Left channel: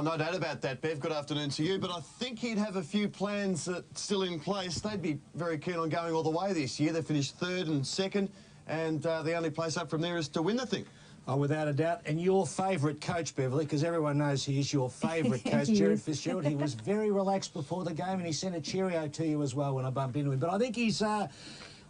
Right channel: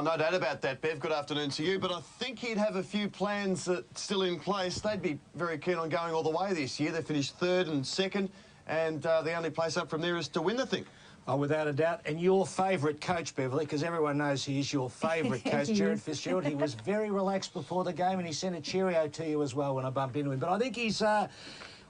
Oh, no doubt about that, Bev. Good afternoon to you. But I think he'd have a few plans still in place. They'd be very keen on going all the way this year. They finished third and second, and the only place up from there is to win the thing. Oh, without a doubt. And your favourite coach, Beverly, because everyone knows he is your favourite coach, Jared Fitzgerald. He was very relaxed before the game, and he sent a cheerio to you as well when I bumped into him. But I think he's...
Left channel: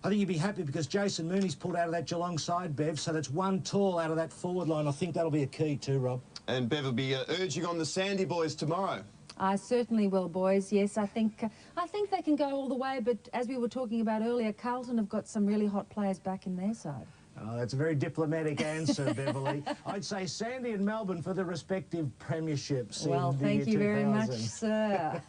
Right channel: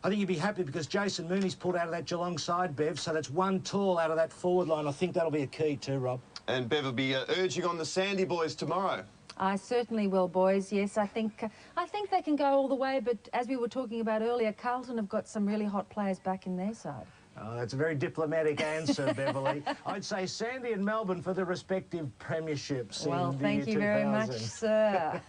I think he'd be happy because Jason Mooney's pulled out of that Geelong side, Bev, so that's one tall out of that forward line. I think that'll be a key too, Rob. And Bev will be urging on the Sandy boys tomorrow. I certainly will, boys. Yes, I think they can go all the way, but as we were talking about earlier, Carlton have got some really hot players back in their side. Oh, that's a very diplomatic answer, Beverly. I'd say Sandy and Melbourne for the respective premierships. Well, thank you very much, sir.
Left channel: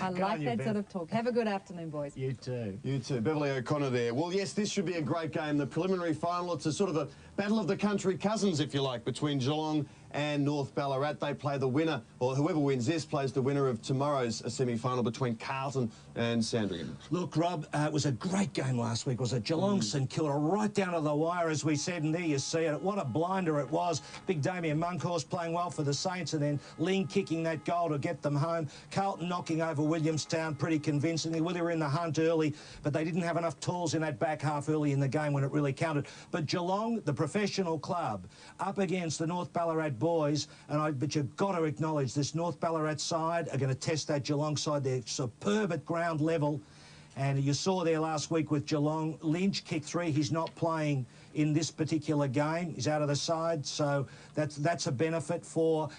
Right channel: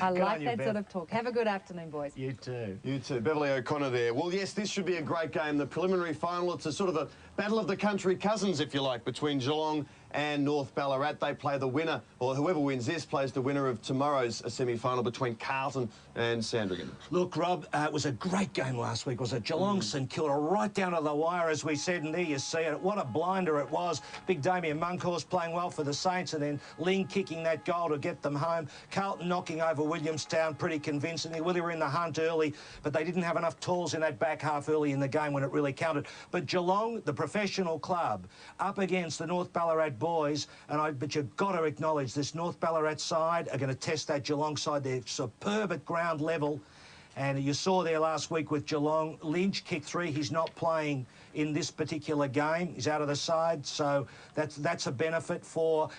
I like that sort of talk. Have a good afternoon, boys. You too. You too. Beverly O'Connor there. Well, yes, this should be a great game. The preliminary final, it's a sort of a battle of the country cousins, if you like, between Geelong and North Ballarat. They play the winner, or whoever wins this plays the winner of tomorrow's semi-final between Carlton and Sandringham. Look, Rob, it was a great game last week, was it? Geelong St Kilda right down to the wire, as we said, and there you see it. What a blinder it was. Big Damien Munkhorst playing well for the Saints, and then Ling kicking that goal to get them home. Carlton knocking over Williamstown pretty convincingly. Well, they were in the hunt early, but they didn't have enough tools in that back half early in the game when it really counted. But Geelong, the professional club, up against the North Ballarat boys, but you've got to acknowledge this North Ballarat side are going to test that Geelong side. They're superb at ground level, and you saw there last week with Geelong, Lynch kicked 3. He's not playing in this particular game. He's out of the side, so that's a benefit for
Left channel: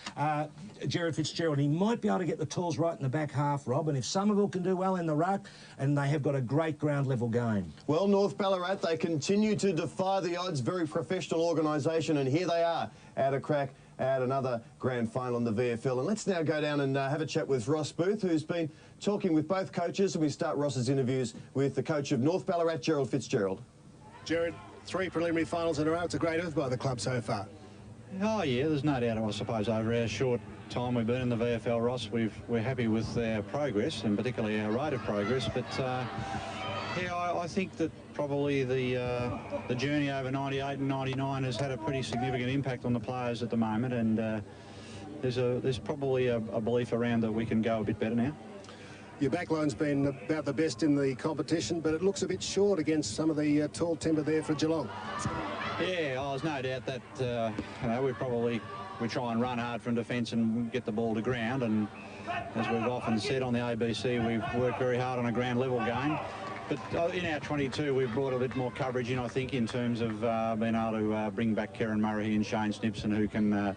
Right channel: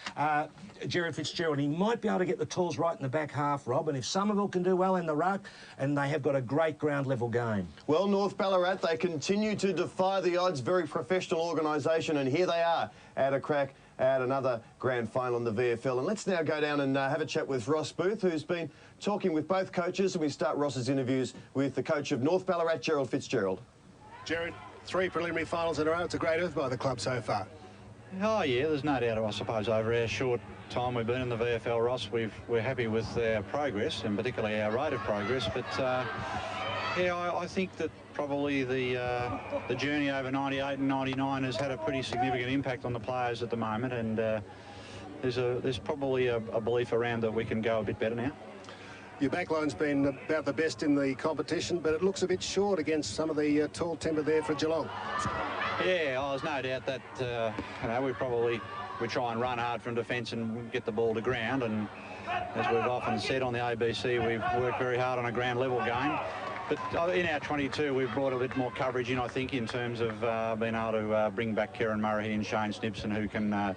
Jared Fitzgerald. He might be able to get the tools right in the back half, Rob, and if Somerville can do well in the ruck, and they have got a great ground level game. Well, North Ballarat, they continue to defy the odds. Very professional organisation, and here they are at a crack at another grand final in the VFL. And let's now go down and have a chat with Ross Booth, who's been talking with both coaches, and we start Ross's interviews with the coach of North Ballarat, Gerald Fitzgerald. Jared, 3 preliminary finals in a row. It's a great effort by the club so far. Oh yeah, there's no doubt, I suppose, over our short time we've been in the VFL, Ross, we're happy with our progress, and particularly our rate of progress. But yeah, I think that probably the journey over 98 and 99 has had a pretty significant impact on the players at the moment, and there's probably a belief around that we can go a bit better now. Your backline's been about the best in the competition, but it looks a bit short against some of the tall timber there for Geelong. Yeah, there's no doubt that you know, we try and run hard from defence and get the ball to ground, and as we've often said on the ABC, we've worked very hard on a ground level game. But in our 22, we've brought a bit more coverage in, I think, in terms of being able to bring back Kieran Murray and Shane Snipson, who can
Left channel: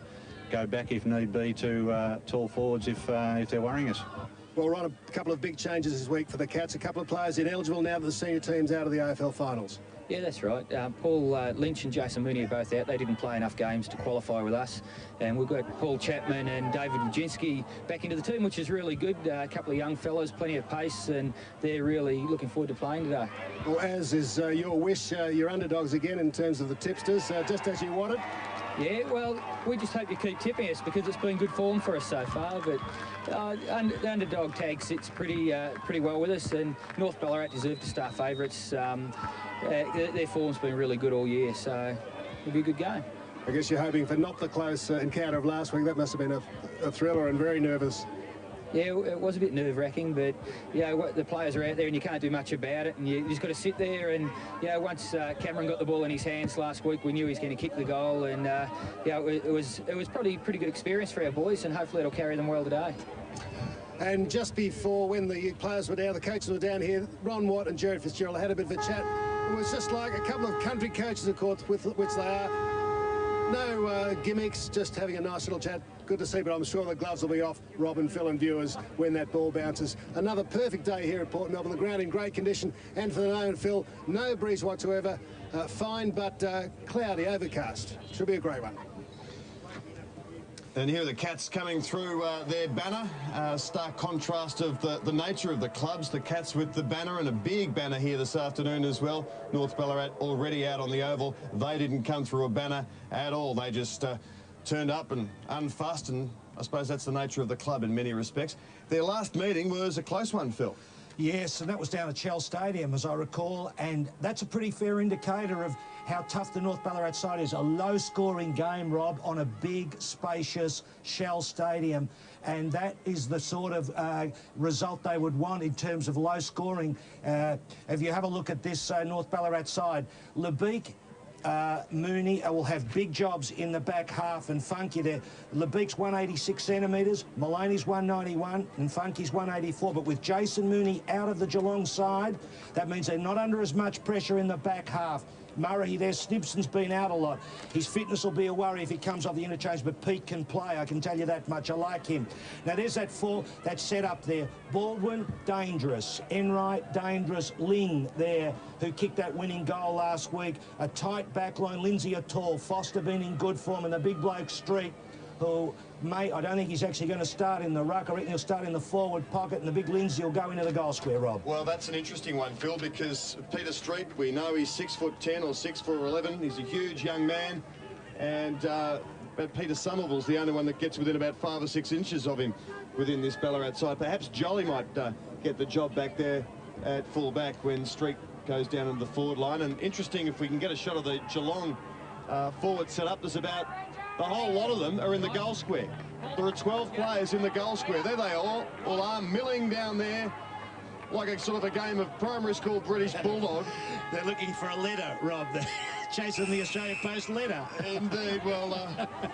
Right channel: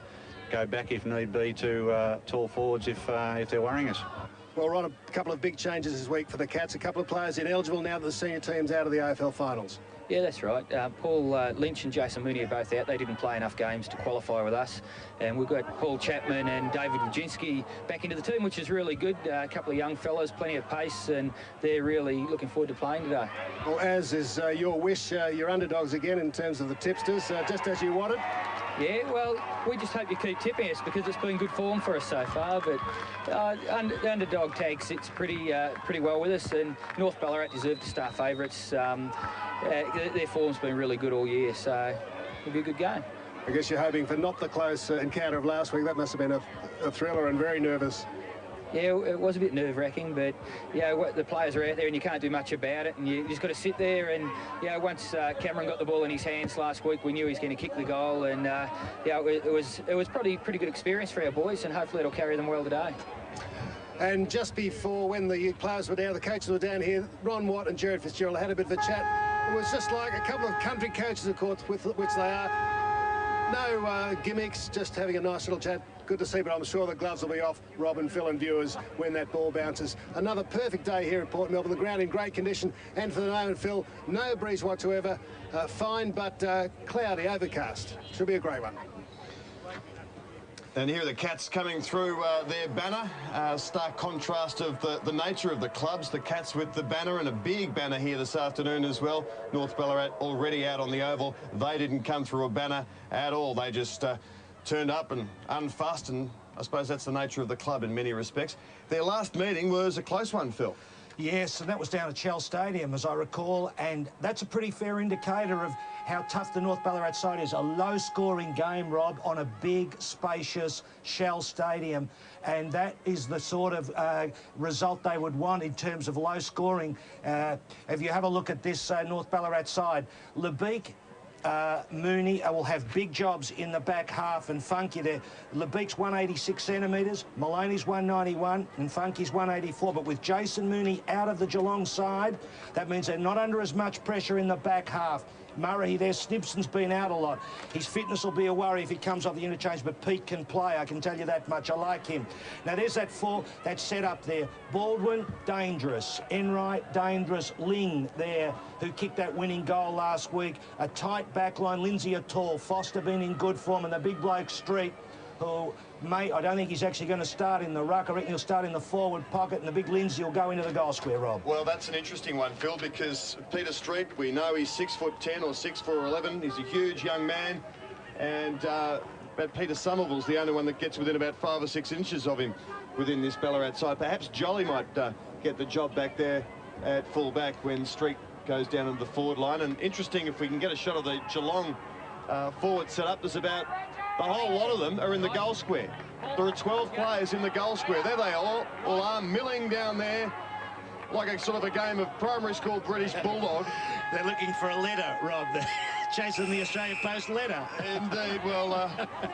go back if need be to tall forwards if they're worrying us. Well, Ron, a couple of big changes this week for the Cats. A couple of players ineligible now that the senior team's out of the AFL finals. Yeah, that's right. Paul Lynch and Jason Mooney are both out. They didn't play enough games to qualify with us. And we've got Paul Chapman and David Wojcinski back into the team, which is really good. A couple of young fellas, plenty of pace, and they're really looking forward to playing today. Well, as is your wish, you're underdogs again in terms of the tipsters, just as you wanted. Yeah, well, we just hope you keep tipping us because it's been good form for us so far. But the underdog tag sits pretty well with us, and North Ballarat deserve to start favourites. Their form's been really good all year, so it'll be a good game. I guess you're hoping for not the close encounter of last week. That must have been a thriller and very nervous. Yeah, it was a bit nerve-wracking, but yeah, the players are out there and you can't do much about it, and you just got to sit there. And yeah, once Cameron got the ball in his hands last week, we knew he was going to kick the goal, and yeah, it was probably a pretty good experience for our boys, and hopefully it'll carry them well today. And just before, when the players were down, the coaches were down here, Ron Watt and Jared Fitzgerald had a bit of a chat. It was just like a couple of country coaches, of course, with which they are. No gimmicks, just having a nice little chat. Good to see, but I'm sure the gloves will be off, Rob and Phil and viewers, when that ball bounces. Another perfect day here at Port Melbourne. The ground in great condition, and for the moment, Phil, no breeze whatsoever. Fine, but cloudy, overcast. Should be a great one. And here are the Cats coming through their banner. Stark contrast of the nature of the clubs. The Cats with the banner, and a big banner here this afternoon as well. North Ballarat already out on the oval. They didn't come through a banner at all. They just turned up and unfussed, and I suppose that's the nature of the club in many respects. Their last meeting was a close one, Phil. Yes, and that was down at Shell Stadium, as I recall, and that's a pretty fair indicator of how tough the North Ballarat side is. A low-scoring game, Rob, on a big, spacious Shell Stadium. And that is the sort of result they would want in terms of low scoring. If you have a look at this North Ballarat side, Lebeek, Mooney will have big jobs in the back half, and Funky there. Lebeek's 186 centimetres, Maloney's 191 and Funky's 184. But with Jason Mooney out of the Geelong side, that means they're not under as much pressure in the back half. Murray there, Snibson's been out a lot. His fitness will be a worry if he comes off the interchange, but Pete can play, I can tell you that much. I like him. Now there's that set up there. Baldwin, dangerous. Enright, dangerous. Ling there, who kicked that winning goal last week. A tight back line. Lindsay are tall. Foster been in good form, and the big bloke Street, who I don't think he's actually going to start in the ruck. I reckon he'll start in the forward pocket, and the big Lindsay will go into the goal square, Rob. Well, that's an interesting one, Phil, because Peter Street, we know he's 6'10" or 6'11". He's a huge young man, and but Peter Somerville's the only one that gets within about 5 or 6 inches of him within this Ballarat side. Perhaps Jolly might get the job back there at full back when Street goes down into the forward line. And interesting, if we can get a shot of the Geelong forward set up, there's about a whole lot of them are in the goal square. There are 12 players in the goal square. There they all are, milling down there like a sort of a game of primary school British Bulldog. They're looking for a letter, Rob. They're chasing the Australia Post letter. Indeed. Well,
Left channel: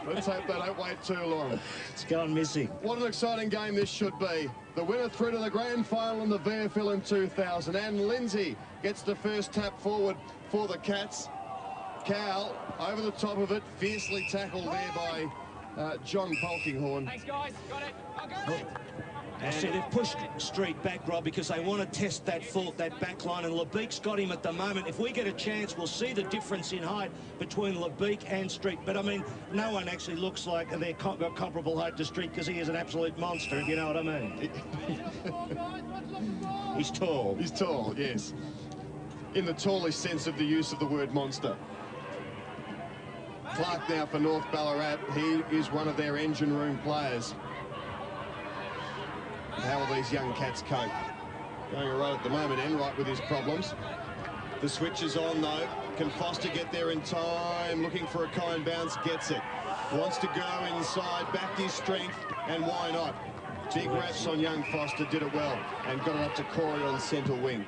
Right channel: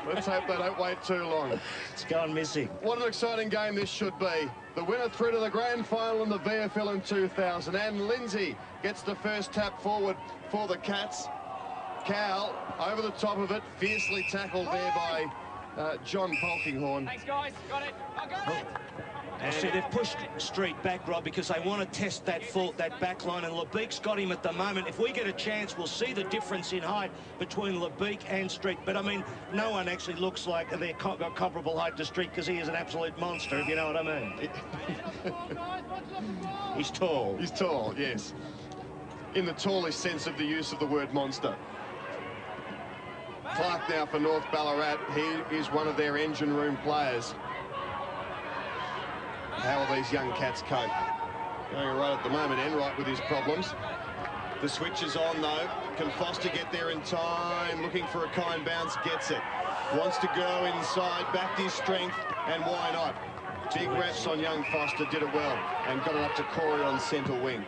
let's hope they don't wait too long. It's gone missing. What an exciting game this should be. The winner through to the grand final in the VFL in 2000. And Lindsay gets the first tap forward for the Cats. Cal over the top of it, fiercely tackled there by John Polkinghorne. Thanks, guys. Got it. I got it. And see, they've pushed Street back, Rob, because they want to test that back line, and Lebeek's got him at the moment. If we get a chance, we'll see the difference in height between Lebeek and Street. But, I mean, no one actually looks like they're got comparable height to Street, because he is an absolute monster, if you know what I mean. He's tall. He's tall, yes. In the tallest sense of the use of the word monster. Clark now for North Ballarat. He is one of their engine room players. How will these young Cats cope? Going right at the moment, Enright with his problems. The switch is on though. Can Foster get there in time? Looking for a kind bounce, gets it. Wants to go inside, backed his strength, and why not? G-Graphs on young Foster did it well and got it up to Corey on centre wing.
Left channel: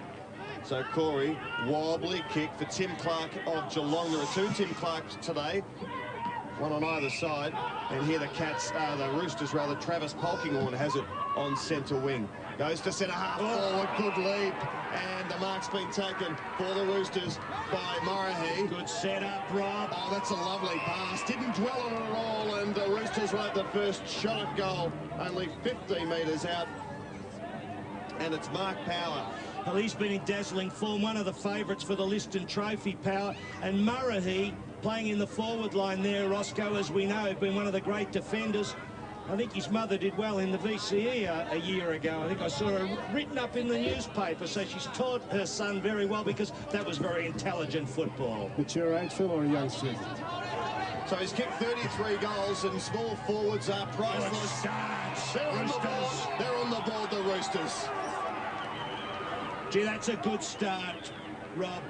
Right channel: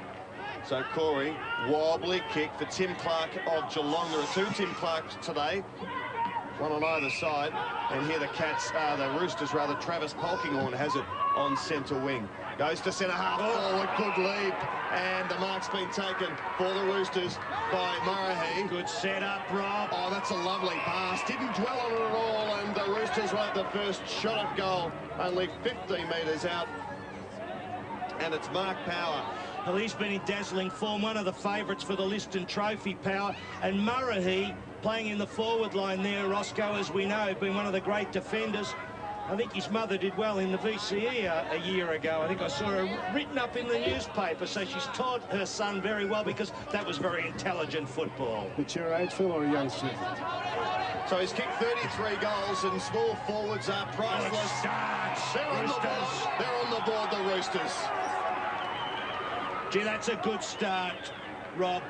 So Corey, wobbly kick for Tim Clark of Geelong. There are 2 Tim Clarks today, one on either side. And here the Cats, the Roosters rather, Travis Polkinghorne has it on centre wing. Goes to centre half forward, good lead. And the mark's been taken for the Roosters by Murray. Good set up, Rob. Oh, that's a lovely pass. Didn't dwell on it at all. And the Roosters right the first shot at goal, only 15 metres out. And it's Mark Power. Well, he's been in dazzling form, one of the favourites for the Liston Trophy, Power. And Murray playing in the forward line there, Roscoe, as we know, been one of the great defenders. I think his mother did well in the VCE a year ago. I think I saw her written up in the newspaper, so she's taught her son very well, because that was very intelligent football. Mature age, Phil, or a youngster? So he's kicked 33 goals, and small forwards are priceless. They're on the board. They're on the board, the Roosters. Gee, that's a good start, Rob.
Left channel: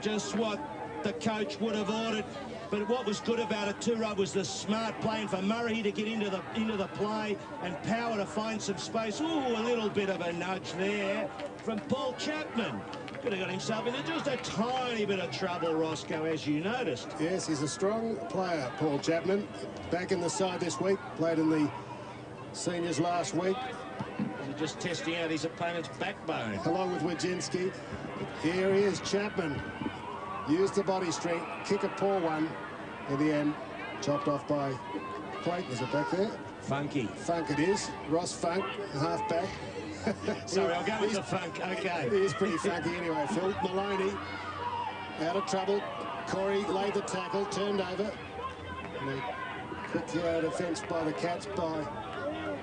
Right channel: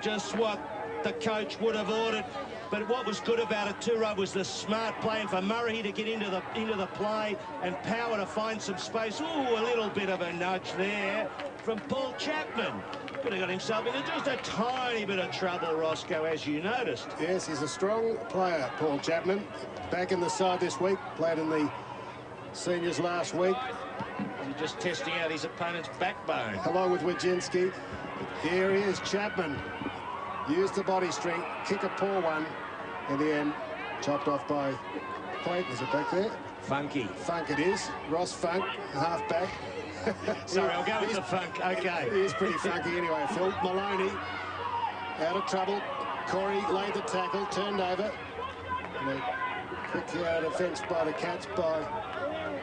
Just what the coach would have ordered. But what was good about it too, Rob, was the smart playing for Murray to get into the play, and Power to find some space. Ooh, a little bit of a nudge there from Paul Chapman. Could have got himself into just a tiny bit of trouble, Roscoe, as you noticed. Yes, he's a strong player, Paul Chapman. Back in the side this week, played in the seniors last week. He's just testing out his opponent's backbone. Along with Wojcinski. Here he is, Chapman. Used the body strength, kick a poor one. In the end, chopped off by Clayton. Is it back there? Funky. Funk it is. Ross Funk, half back. Sorry, I'll go with the Funk. Okay. He is pretty funky anyway, Phil. Maloney out of trouble. Corey laid the tackle, turned over. And a quick defence by the Cats by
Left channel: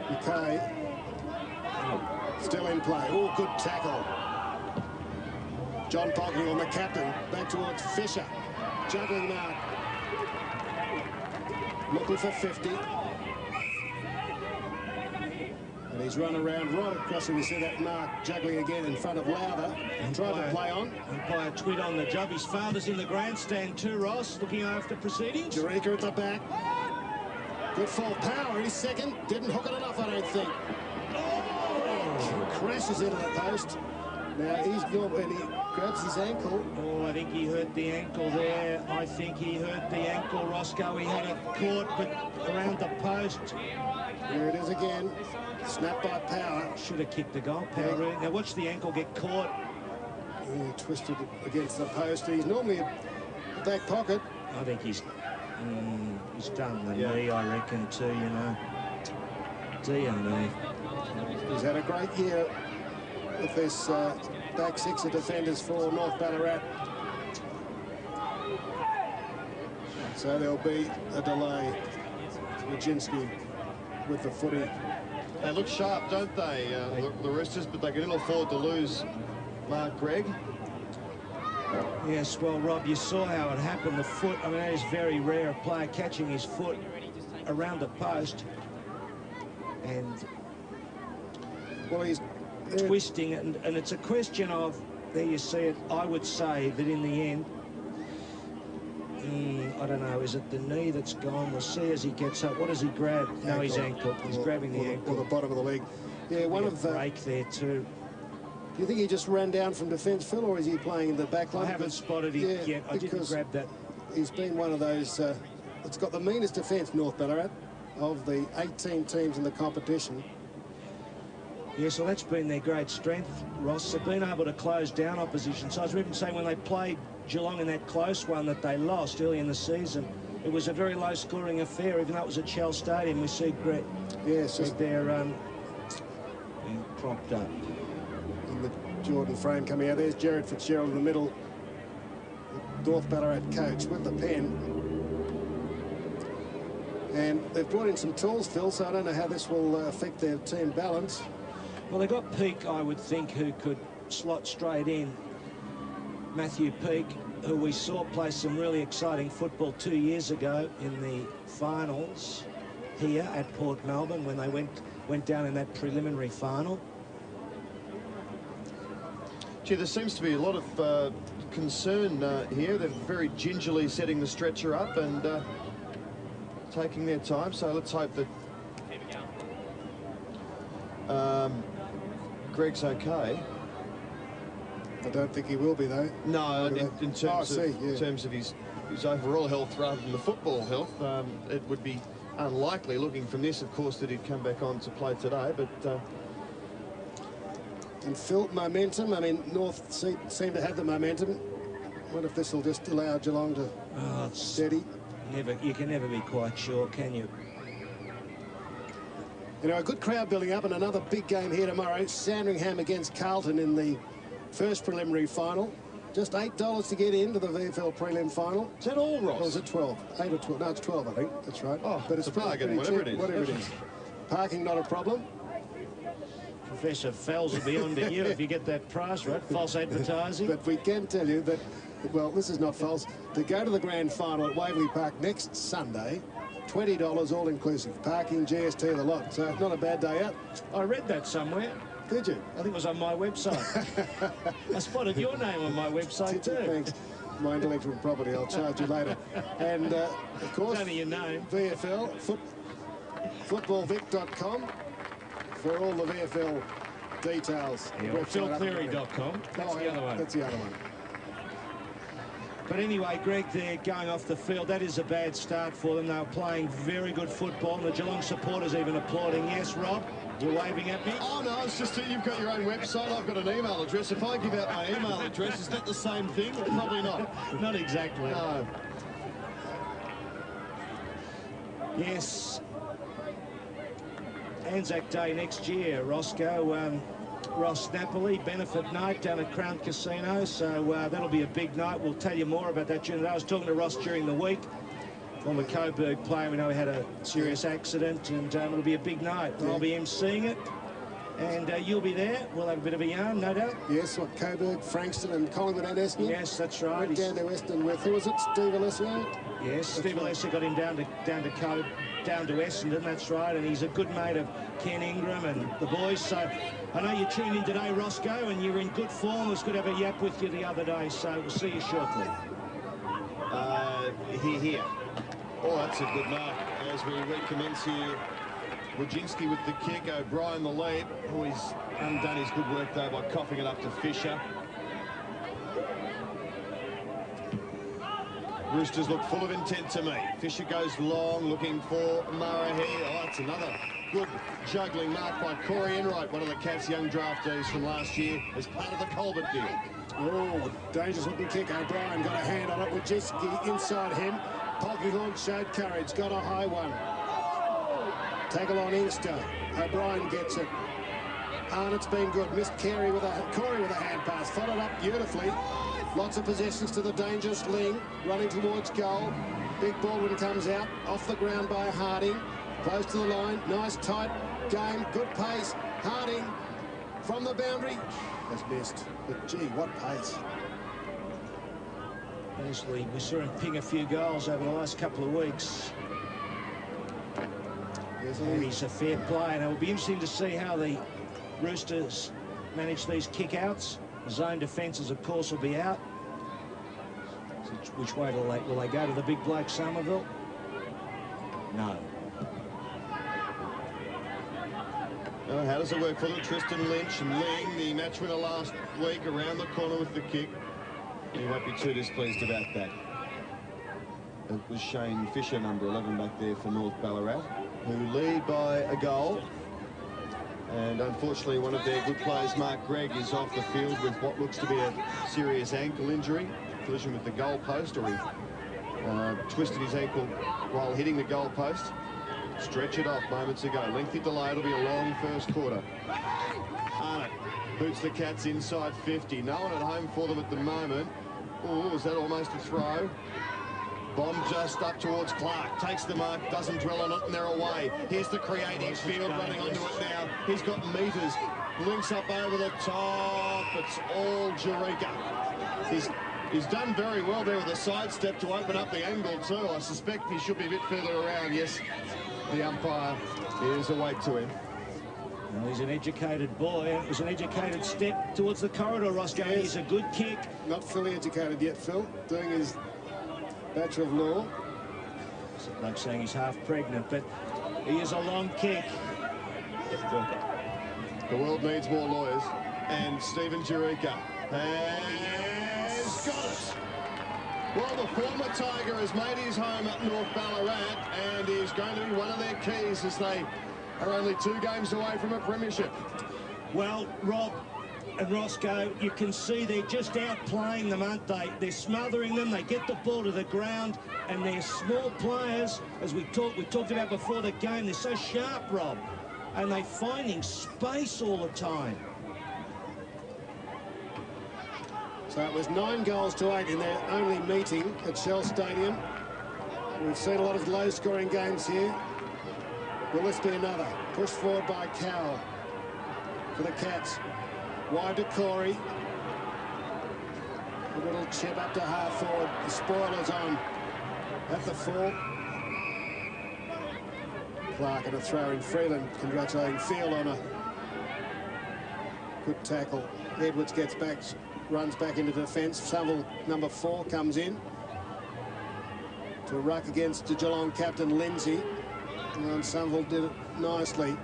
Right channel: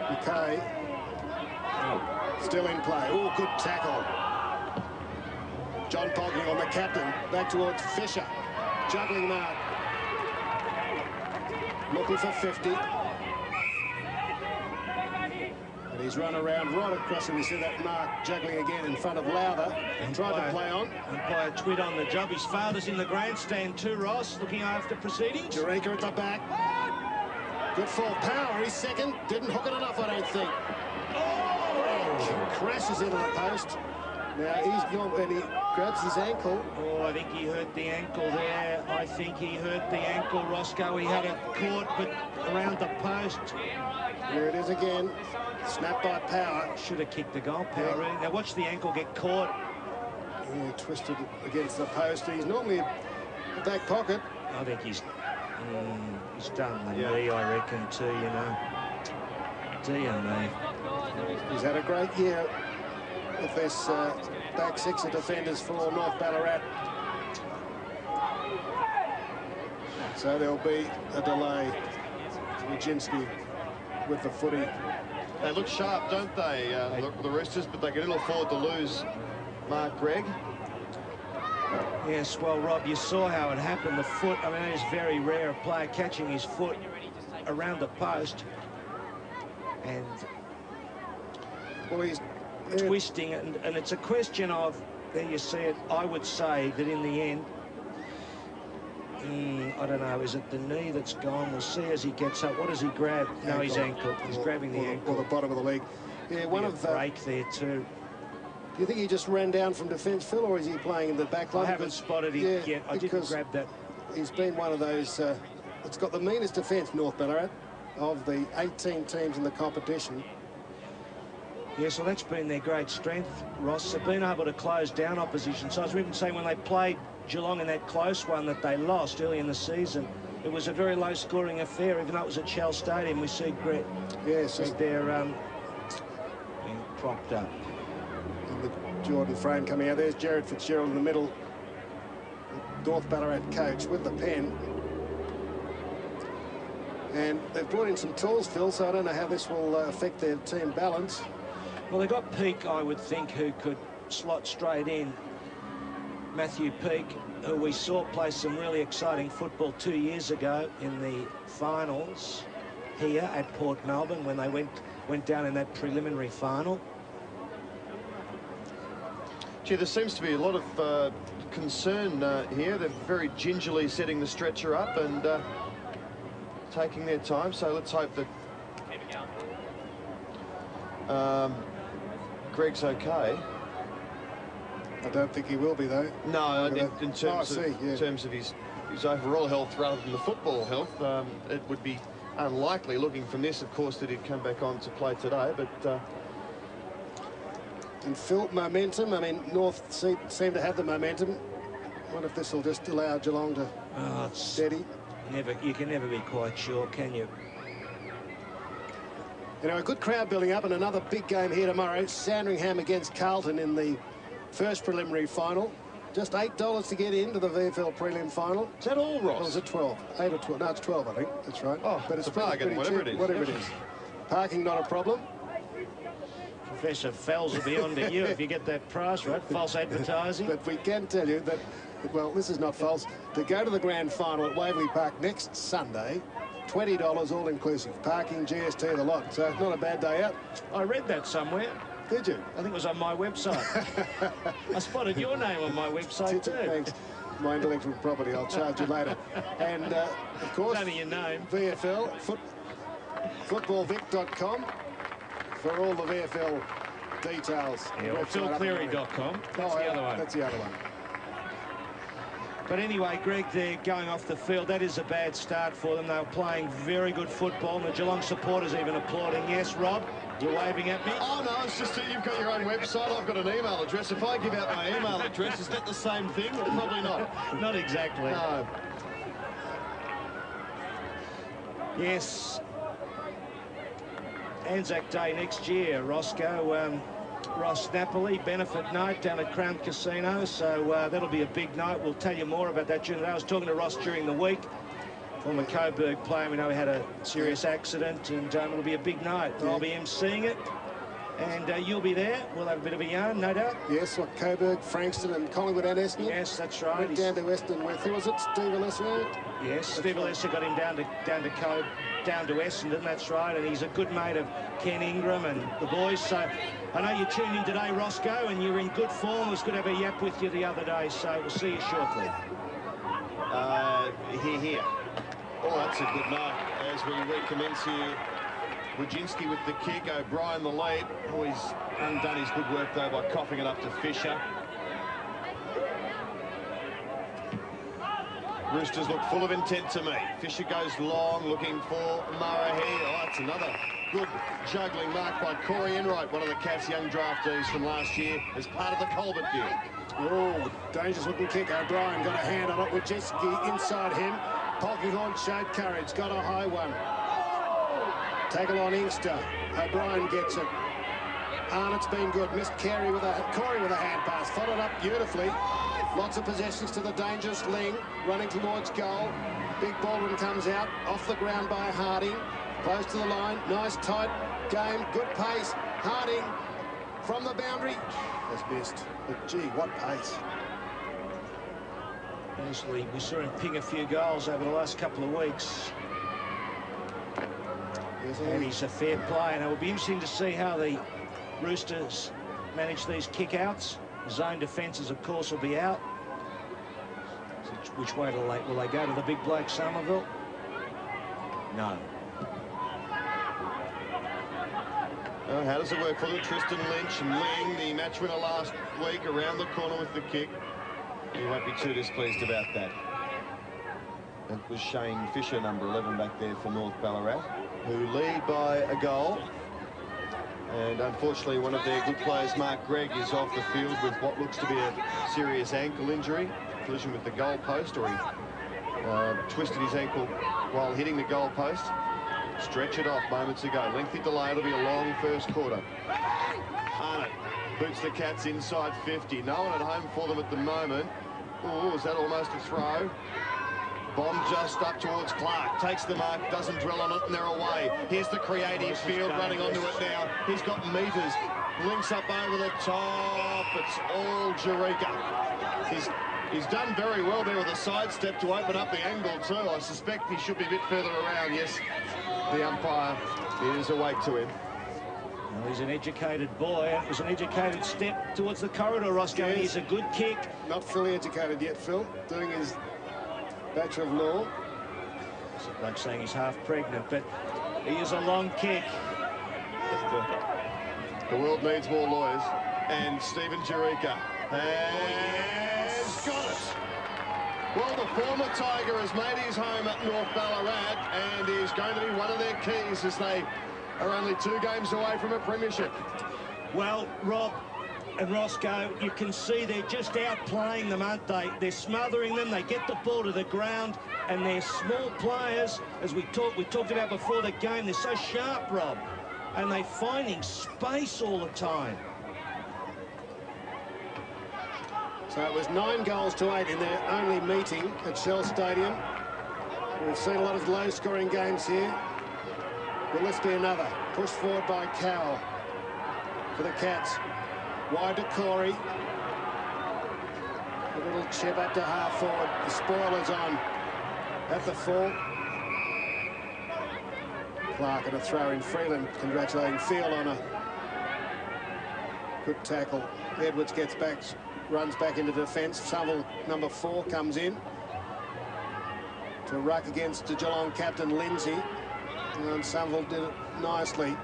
McKay. Still in play. Oh, good tackle. John Polkinghorne on the captain, back towards Fisher. Juggling mark. Looking for 50. And he's He's run around right across, and we see that mark juggling again in front of Lowther and tried to play on. Umpire Twid on the job. His father's in the grandstand too, Ross, looking after proceedings. Eureka at the back. Good full power. He's second. Didn't hook it enough, I don't think. Crashes into the post. Now he's gone and he grabs his ankle. Oh, I think he hurt the ankle there. I think he hurt the ankle, Roscoe. He had it caught, but around the post. There it is again. Snapped by Power. Should have kicked the goal, Power. Yeah. Now watch the ankle get caught. He twisted against the post. He's normally a back pocket. I think he's done the knee, I reckon, too, you know. Dear me. He's had a great year with this back six of defenders for North Ballarat. So there'll be a delay. Wojcinski with the footy. They look sharp, don't they, the Roosters, but they can ill afford to lose Mark Gregg. Yes, well, Rob, you saw how it happened. The foot, I mean, it's very rare, a player catching his foot around the post and well, he's twisting, and it's a question of, there you see it, I would say that in the end, I don't know, is it the knee that's gone? We'll see as he gets up. What does he grab? No, his ankle. He's grabbing the ankle. Or the bottom of the leg. Yeah, one of the break there too. Do you think he just ran down from defence, Phil, or is he playing in the back line? I haven't spotted him yet. I didn't grab that. He's been one of those, it's got the meanest defence, North Ballarat, of the 18 teams in the competition. Yes, well, that's been their great strength, Ross. They've been able to close down opposition. So I was even saying when they played Geelong in that close one that they lost early in the season, it was a very low-scoring affair, even though it was at Shell Stadium. We see Greg. Yes, they're being propped up. The Jordan frame coming out. There's Jared Fitzgerald in the middle. The North Ballarat coach with the pen. And they've brought in some tools, Phil, so I don't know how this will affect their team balance. Well, they got Peake, I would think, who could slot straight in. Matthew Peake, who we saw play some really exciting football 2 years ago in the finals here at Port Melbourne when they went down in that preliminary final. Gee, there seems to be a lot of concern here. They're very gingerly setting the stretcher up and taking their time. So let's hope that Greg's okay. I don't think he will be, though. No, in terms of his overall health rather than the football health, it would be unlikely, looking from this, of course, that he'd come back on to play today. But and Phil, momentum. I mean, North seem to have the momentum. What if this will just allow Geelong to steady? You can never be quite sure, can you? You know, a good crowd building up, and another big game here tomorrow. Sandringham against Carlton in the first preliminary final. Just $8 to get into the VFL prelim final. Is that all, Ross? Or is it 12? 8 or 12? No, it's 12, I think. That's right. Oh, but it's bargain, whatever it is. Whatever it is. Parking not a problem. Professor Fells will be on to you if you get that price right. False advertising. But we can tell you that, well, this is not false. To go to the grand final at Waverley Park next Sunday, $20 all inclusive. Parking, GST, the lot. So not a bad day out. I read that somewhere. Did you? I think it was on my website. I spotted your name on my website too. Thanks. My intellectual property. I'll charge you later. And of course, only your name. VFL, footballvic.com for all the VFL details. Yeah, or philcleary.com. That's the other one. That's the other one. But anyway, Greg, they're going off the field. That is a bad start for them. They were playing very good football. And the Geelong supporters even applauding. Yes, Rob? You're waving at me? Oh, no, it's just that you've got your own website. I've got an email address. If I give out my email address, is that the same thing? Probably not. Not exactly. No. Yes. Anzac Day next year, Roscoe. Ross Napoli, benefit night down at Crown Casino. So that'll be a big night. We'll tell you more about that during the day. I was talking to Ross during the week. Former Coburg player, we know he had a serious accident, and it'll be a big night. I'll be emceeing it, and you'll be there. We'll have a bit of a yarn, no doubt. Yes, what, Coburg, Frankston and Collingwood and Essendon? Yes, that's right. Down to Western with, who was it, Steve Alessio? Yes, Steve Alessio got him down to Coburg. down to Essendon, that's right, and he's a good mate of Ken Ingram and the boys. So I know you tuned in today, Roscoe, and you're in good form. It was good to have a yap with you the other day, so we'll see you shortly. Here. Oh, that's a good mark as we recommence here. Wojcinski with the kick, O'Brien the lead. Oh, he's undone his good work though by coughing it up to Fisher. Roosters look full of intent to me. Fisher goes long, looking for Murray here. Oh, that's another good juggling mark by Corey Enright, one of the Cats' young draftees from last year, as part of the Colbert deal. Oh, dangerous looking kick. O'Brien got a hand on it. Wojcinski inside him. Polkinghorn showed courage, got a high one. Tackle on Inkster. O'Brien gets it. Arnott's been good. Missed Corey with a hand pass. Followed up beautifully. Lots of possessions to the dangerous Ling. Running towards goal. Big Baldwin comes out. Off the ground by Harding. Close to the line. Nice tight game. Good pace. Harding from the boundary. Has missed. But gee, what pace. Honestly, we saw him ping a few goals over the last couple of weeks. And he's a fair player. And it will be interesting to see how the Roosters manage these kick-outs. Zone defences, of course, will be out. Which way will they go? To the big bloke, Somerville? No. Well, how does it work for them? Tristan Lynch and Ling, the match winner last week, around the corner with the kick. You won't be too displeased about that. That was Shane Fisher, number 11, back there for North Ballarat, who lead by a goal. And unfortunately, one of their good players, Mark Gregg, is off the field with what looks to be a serious ankle injury. Collision with the goal post, or he twisted his ankle while hitting the goal post. Stretch it off moments ago. Lengthy delay. It'll be a long first quarter. Arnott boots the Cats inside 50. No one at home for them at the moment. Oh, is that almost a throw? Bomb just up towards Clark. Takes the mark, doesn't dwell on it, and they're away. Here's the creative field running onto it now. He's got meters. Links up over the top. It's all Jurika. He's done very well there with a sidestep to open up the angle too. I suspect he should be a bit further around. Yes, the umpire is awake to him. Well, he's an educated boy. It was an educated step towards the corridor, Roscoe. Yes. He's a good kick. Not fully educated yet, Phil. Doing his Bachelor of Law. It's like saying he's half pregnant, but he is a long kick. The world needs more lawyers. And Stephen Jurika has got it. Well, the former Tiger has made his home at North Ballarat and is going to be one of their keys as they are only 2 games away from a premiership. Well, Rob and Roscoe, you can see they're just outplaying them, aren't they? They're smothering them. They get the ball to the ground, and they're small players, as we talked about before the game. They're so sharp, Rob, and they're finding space all the time. So it was 9 goals to 8 in their only meeting at Shell Stadium. We've seen a lot of low-scoring games here. Will this be another? Pushed forward by Cowell for the Cats. Wide to Corey. A little chip up to half forward. The spoiler's on at the full. Clark and a throw in. Freeland congratulating Field on a good tackle. Edwards gets back, runs back into defence. Shovel number 4 comes in to ruck against the Geelong captain Lindsay. And Somerville did it nicely.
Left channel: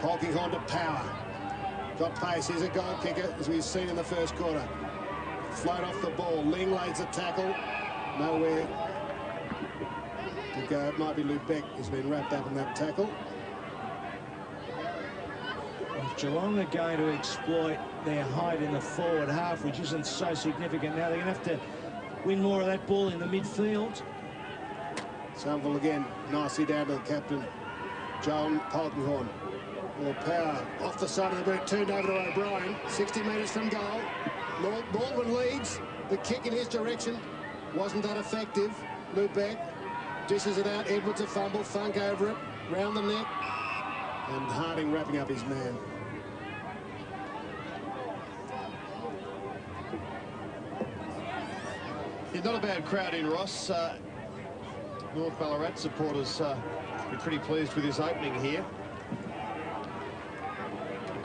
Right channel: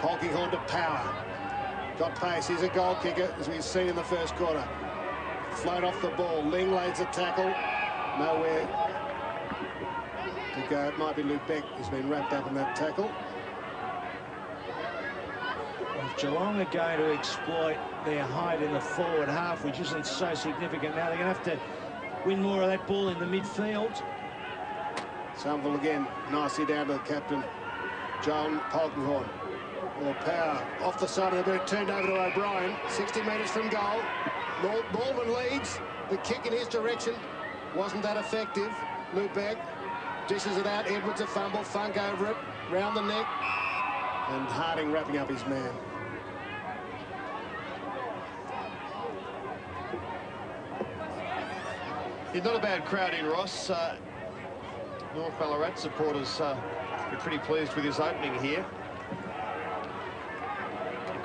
Polkinghorn to Power. Got pace. He's a goal kicker, as we've seen in the first quarter. Float off the ball. Ling lays a tackle. Nowhere to go. It might be Lubeck who's been wrapped up in that tackle. If Geelong are going to exploit their height in the forward half, which isn't so significant now, they're going to have to win more of that ball in the midfield. Somerville again, nicely down to the captain, John Polkinghorn. More Power off the side of the boot, turned over to O'Brien, 60 metres from goal. Baldwin leads, the kick in his direction wasn't that effective. Lubeck dishes it out, Edwards a fumble, Funk over it, round the neck, and Harding wrapping up his man. Yeah, not a bad crowd in, Ross. North Ballarat supporters be pretty pleased with his opening here.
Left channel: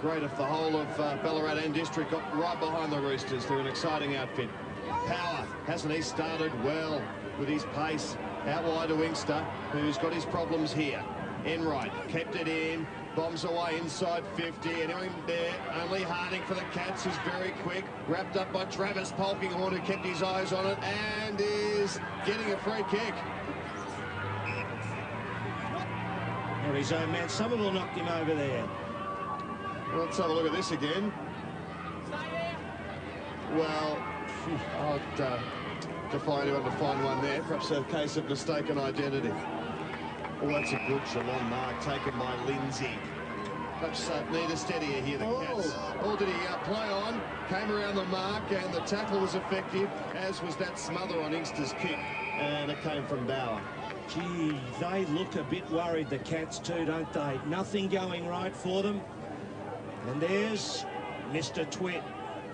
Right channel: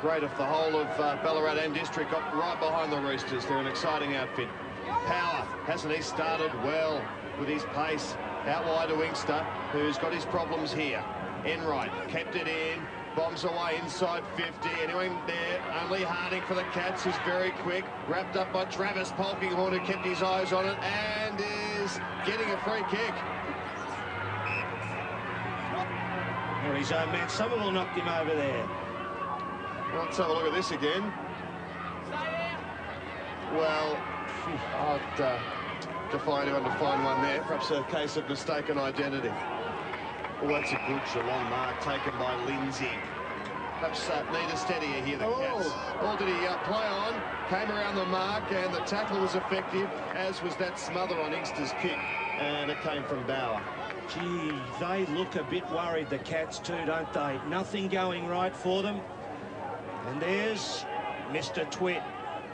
Great if the whole of Ballarat and District got right behind the Roosters. They're an exciting outfit. Power, hasn't he started well with his pace? Out wide to Inkster, who's got his problems here. Enright kept it in, bombs away inside 50. Anyone there? Only Harding for the Cats, who's very quick. Wrapped up by Travis Polkinghorne, who kept his eyes on it and is getting a free kick. Well, his own man, Somerville knocked him over there. Let's have a look at this again. Well, I'd defy anyone to find one there. Perhaps a case of mistaken identity. Well, that's a good Geelong mark taken by Lindsay. Perhaps need a steadier here, the Cats. All did he play on, came around the mark, and the tackle was effective, as was that smother on Inkster's kick. And it came from Bauer. Gee, they look a bit worried, the Cats too, don't they? Nothing going right for them. And there's Mr. Twitt,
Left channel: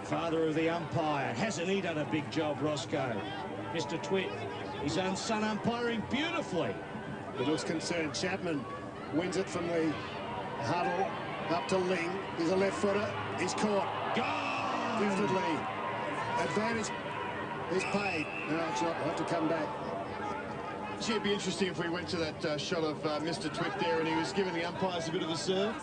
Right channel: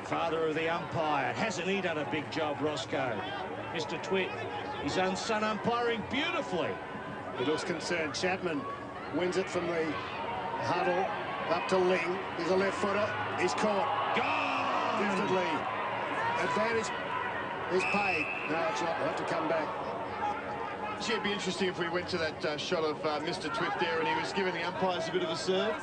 father of the umpire. Hasn't he done a big job, Roscoe? Mr. Twitt, his own son umpiring beautifully. He looks concerned. Chapman wins it from the huddle up to Ling. He's a left footer. He's caught. Gone! Definitely. Advantage is paid. No, it's not. We'll have to come back. It'd be interesting if we went to that shot of Mr. Twitt there and he was giving the umpires a bit of a serve.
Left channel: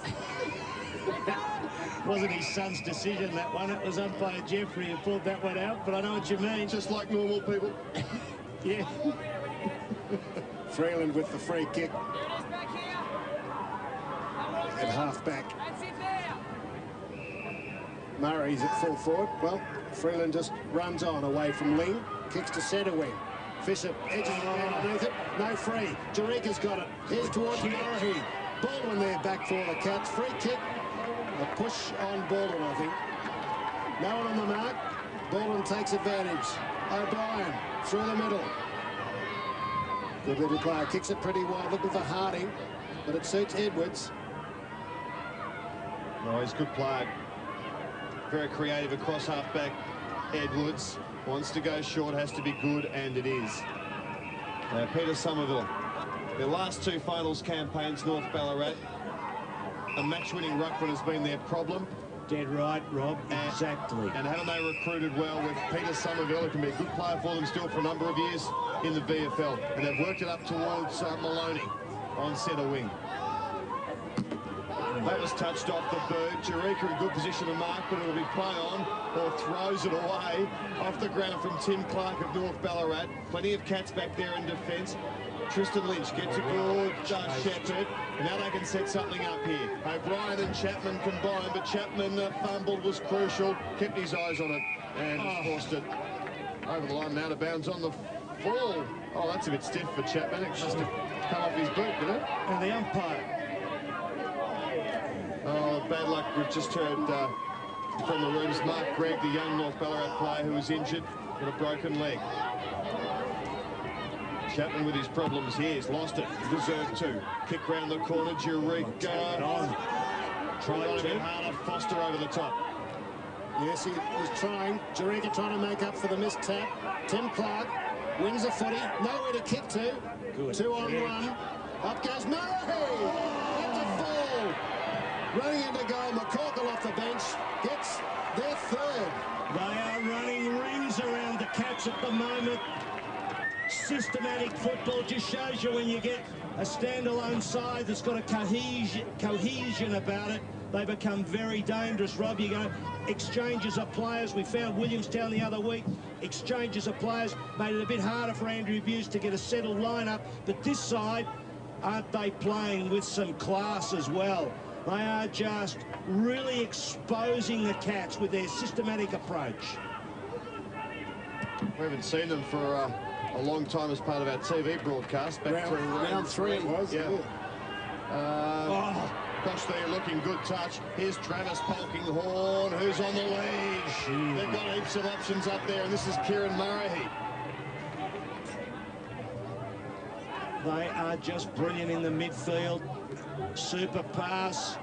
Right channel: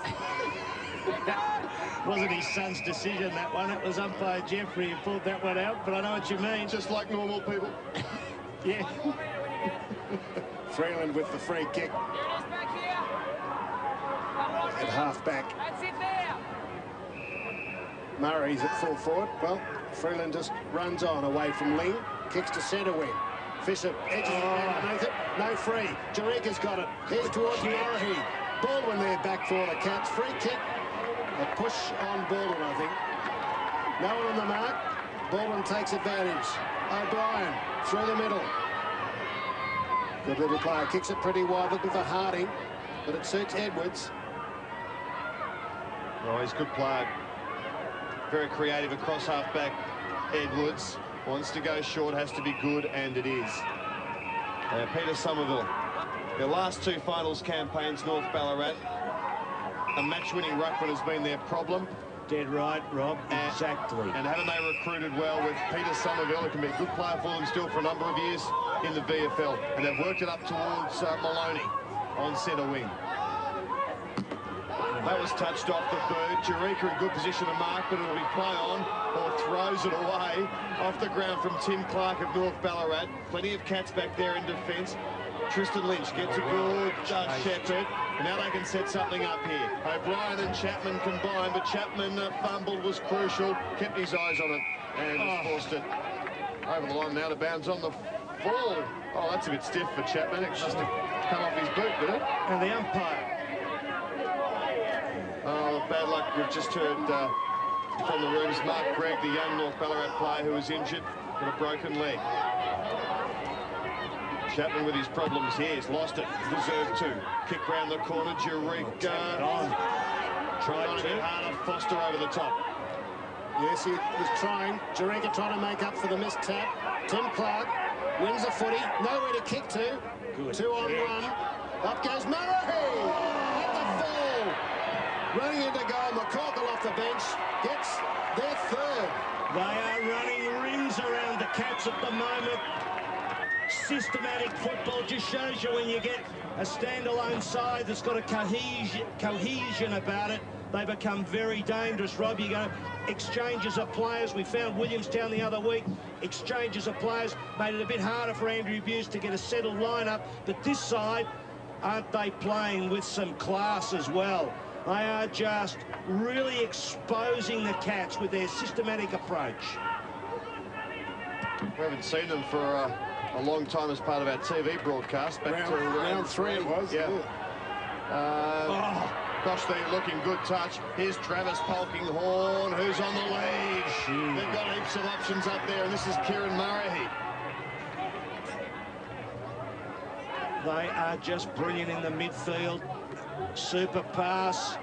Wasn't his son's decision, that one. It was umpire Jeffrey who pulled that one out, but I know what you mean. Just like normal people. Yeah. Freeland with the free kick. At half back. Murray's at full forward. Well, Freeland just runs on away from Ling. Kicks to centre wing. Fisher edges it down underneath it. No free. Jarika's got it. Here's towards Murray. Baldwin there back for the Cats. Free kick. A push on Baldwin, I think. No one on the mark. Baldwin takes advantage. O'Brien through the middle. Good little player. Kicks it pretty wide. Looking for Harding. But it suits Edwards. Oh, he's a good player. Very creative across half-back. Edwards wants to go short, has to be good, and it is. Peter Somerville. Their last two finals campaigns, North Ballarat. A match-winning ruckman has been their problem. Dead right, Rob. Exactly. And haven't they recruited well with Peter Somerville, who can be a good player for them still for a number of years in the VFL. And they've worked it up towards Maloney on centre wing. That was touched off the bird. Jarika in good position to mark, but it'll be play on or throws it away off the ground from Tim Clark of North Ballarat. Plenty of Cats back there in defence. Tristan Lynch gets a good Shepherd, and now they can set something up here. O'Brien and Chapman combined, but Chapman fumbled, was crucial, kept his eyes on it, and forced it over the line. Now to bounds on the ball. Oh, that's a bit stiff for Chapman. It must have come off his boot, didn't it? And the umpire. Oh, bad luck. We've just heard from the rooms Mark Gregg, the young North Ballarat player who was injured with a broken leg. Chapman with his problems here. He's lost it. Deserved to. Kick round the corner. Jarika. Tried to. Harder. Foster over the top. Yes, he was trying. Jarika trying to make up for the missed tap. Tim Clark wins a footy. Nowhere to kick to. Good 2 on 1. Up goes Murray. At the fall. Running into goal. McCorkle off the bench. Gets their third. They are running rings around the Cats at the moment. Systematic football just shows you when you get a standalone side that's got a cohesion about it, they become very dangerous. Rob, you go exchanges of players. We found Williamstown the other week. Exchanges of players made it a bit harder for Andrew Buse to get a settled lineup. But this side, aren't they playing with some class as well? They are just really exposing the Cats with their systematic approach. We haven't seen them for a long time as part of our TV broadcast. Back to round 3 it was. Yeah. Gosh, they're looking good touch. Here's Travis Polkinghorne, who's on the lead. They've got heaps of options up there, and this is Kieran Murray. They are just brilliant in the midfield. Super pass.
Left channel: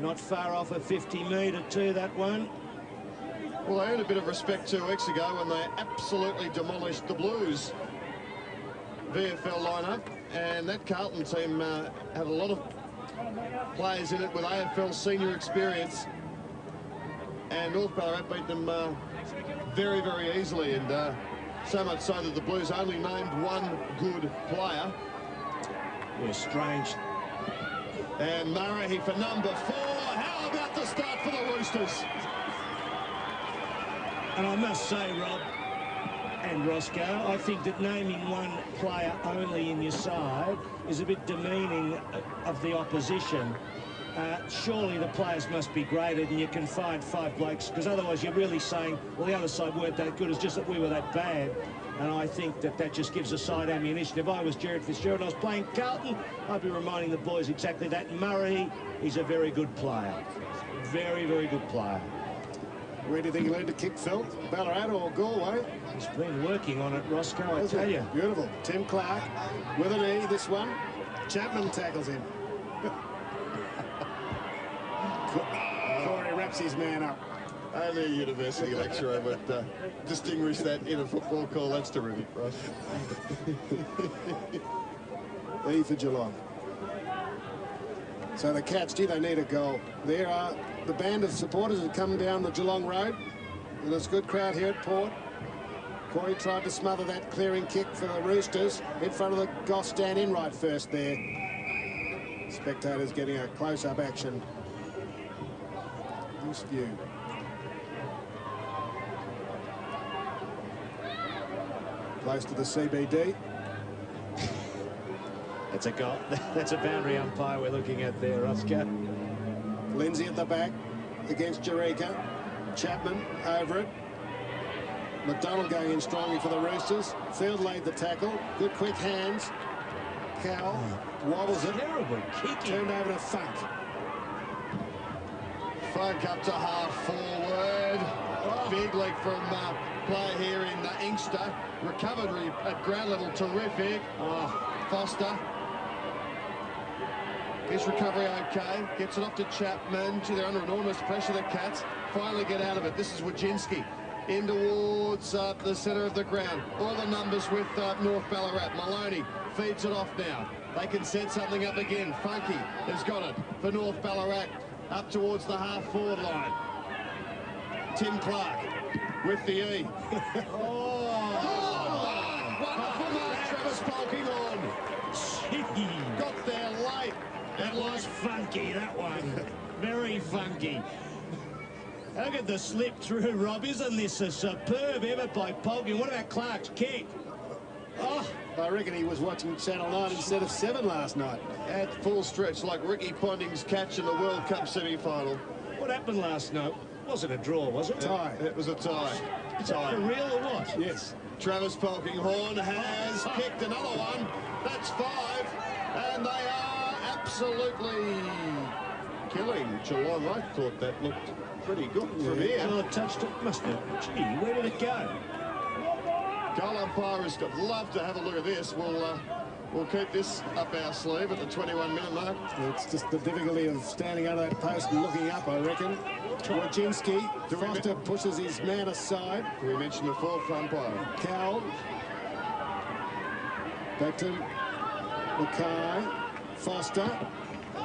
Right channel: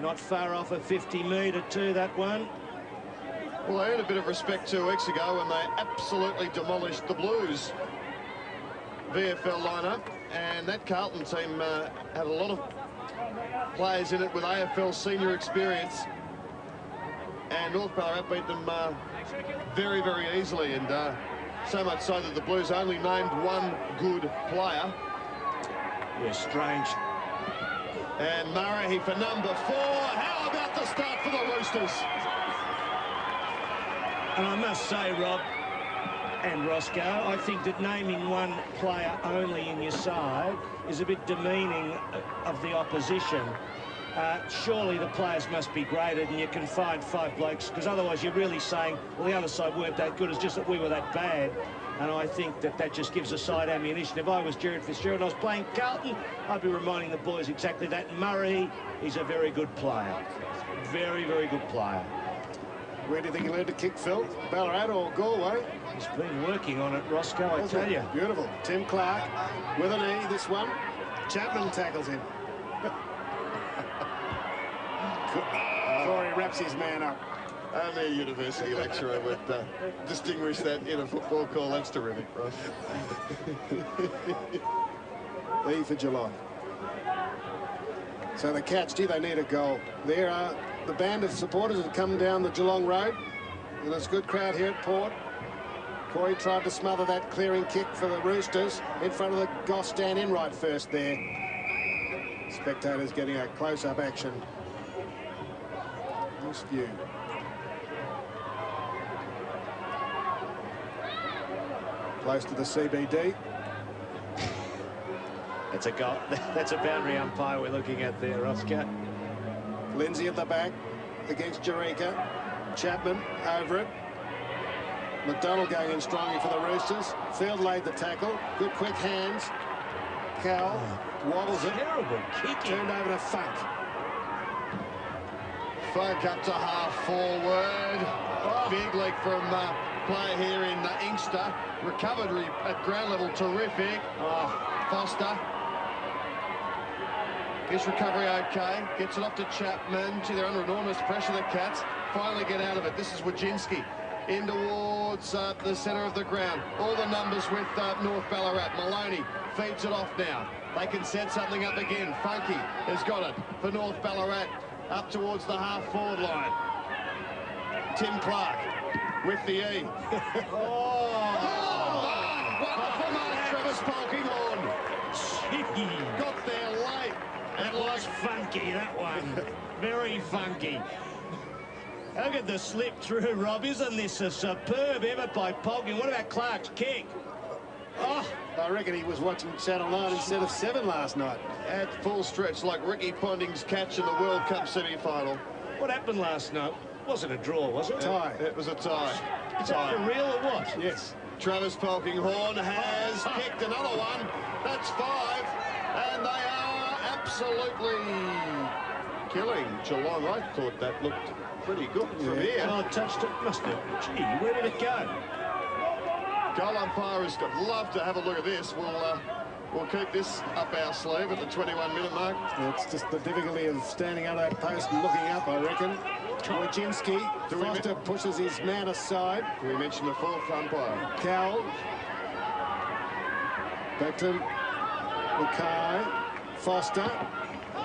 Not far off a 50-metre too, that one. Well, they earned a bit of respect 2 weeks ago when they absolutely demolished the Blues. VFL lineup, and that Carlton team had a lot of players in it with AFL senior experience, and North Ballarat beat them very, very easily, and so much so that the Blues only named one good player. Yeah, strange. And Murray for number 4. How about the start for the Roosters? And I must say, Rob and Roscoe, I think that naming one player only in your side is a bit demeaning of the opposition. Surely the players must be graded and you can find 5 blokes, because otherwise you're really saying, well, the other side weren't that good, it's just that we were that bad. And I think that that just gives a side ammunition. If I was Jared Fitzgerald, I was playing Carlton, I'd be reminding the boys exactly that. And Murray is a very good player. Very, very good player. Where do you think he learned to kick, Phil? Ballarat or Galway? He's been working on it, Roscoe, I tell you. Beautiful. Tim Clark with an E, this one. Chapman tackles him. Corey wraps his man up. Only a university lecturer would distinguish that in a football call. That's terrific, Ross. E for Geelong. So the Cats, gee, they need a goal. There are the band of supporters have come down the Geelong Road. And there's a good crowd here at Port. Corey tried to smother that clearing kick for the Roosters in front of the Goss stand in right first there. Spectators getting a close-up action. This view. Close to the CBD. That's a goal. That's a boundary umpire we're looking at there, Roscoe. Lindsay at the back against Jerica. Chapman over it. McDonald going in strongly for the Roosters. Field laid the tackle. Good quick hands. Cowell wobbles it. Terrible kicking. Turned over to Funk. Funk up to half forward. Big league from player here in Inkster. Recovered at ground level, terrific. Foster. His recovery okay. Gets it off to Chapman. Gee, they're under enormous pressure, the Cats. Finally get out of it. This is Wojcinski. In towards the centre of the ground. All the numbers with North Ballarat. Maloney feeds it off now. They can set something up again. Funky has got it for North Ballarat. Up towards the half-forward line. Tim Clark with the E. Travis Polkinghorne. Got there late. That was funky, that one. Very funky. Look at the slip through, Rob. Isn't this a superb effort by Polkinghorne? What about Clark's kick? Oh, I reckon he was watching Channel 9 instead of 7 last night. At full stretch, like Ricky Ponting's catch in the World Cup semi-final. What happened last night? Wasn't a draw, was it? Tie. It was a tie. Is that for real or what? Yes. Travis Polkinghorne has kicked another one. That's 5. And they are absolutely killing Geelong. I thought that looked pretty good from here. Well, it touched it. Must have. Gee, where did it go? Goal umpires would love to have a look at this. We'll keep this up our sleeve at the 21-minute mark. It's just the difficulty of standing under that post and looking up, I reckon. Wojcinski. Foster pushes his man aside. Do we mention the 4th umpire? Cowell. Back to Mackay. Foster.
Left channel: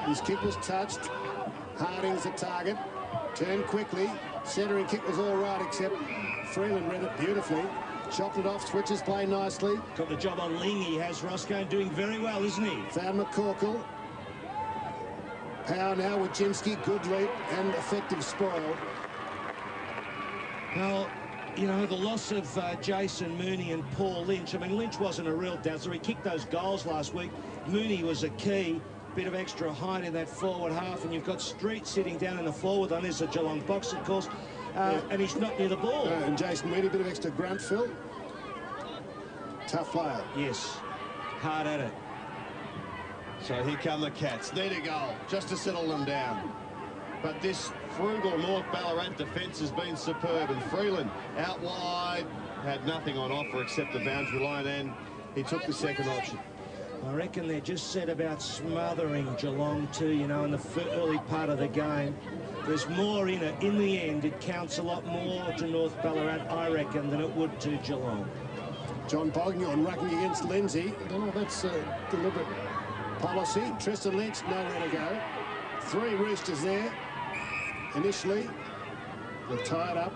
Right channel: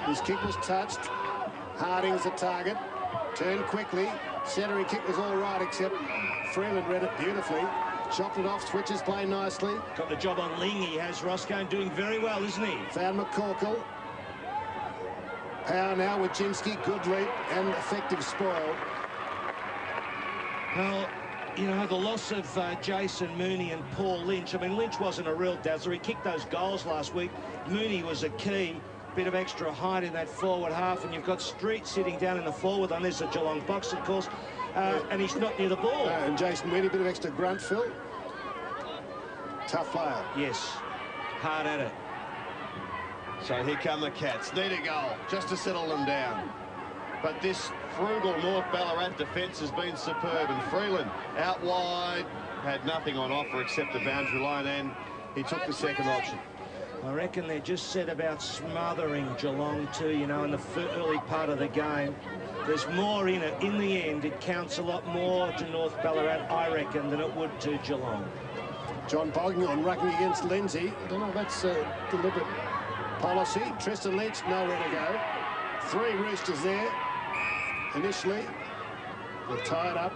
His kick was touched. Harding's the target. Turned quickly. Centering kick was all right, except Freeland read it beautifully. Chopped it off, switches play nicely. Got the job on Ling, he has. Roscoe doing very well, isn't he? Found McCorkle. Power now with Wojcinski. Good leap and effective spoil. Well, you know, the loss of Jason Mooney and Paul Lynch. I mean, Lynch wasn't a real dazzler. He kicked those goals last week. Mooney was a key. Bit of extra height in that forward half, and you've got Street sitting down in the forward. And there's a Geelong box, of course. And he's not near the ball. And Jason Mooney, a bit of extra grunt, Phil. Tough player. Yes, hard at it. So here come the Cats. Need a goal just to settle them down. But this frugal North Ballarat defence has been superb. And Freeland out wide had nothing on offer except the boundary line, and he took the second option. I reckon they're just set about smothering Geelong too, you know, in the early part of the game. There's more in it. In the end, it counts a lot more to North Ballarat, I reckon, than it would to Geelong. John Bogdan rucking against Lindsay. I don't know if that's a deliberate policy. Tristan Lynch, nowhere to go. 3 Roosters there. Initially, they're tied up.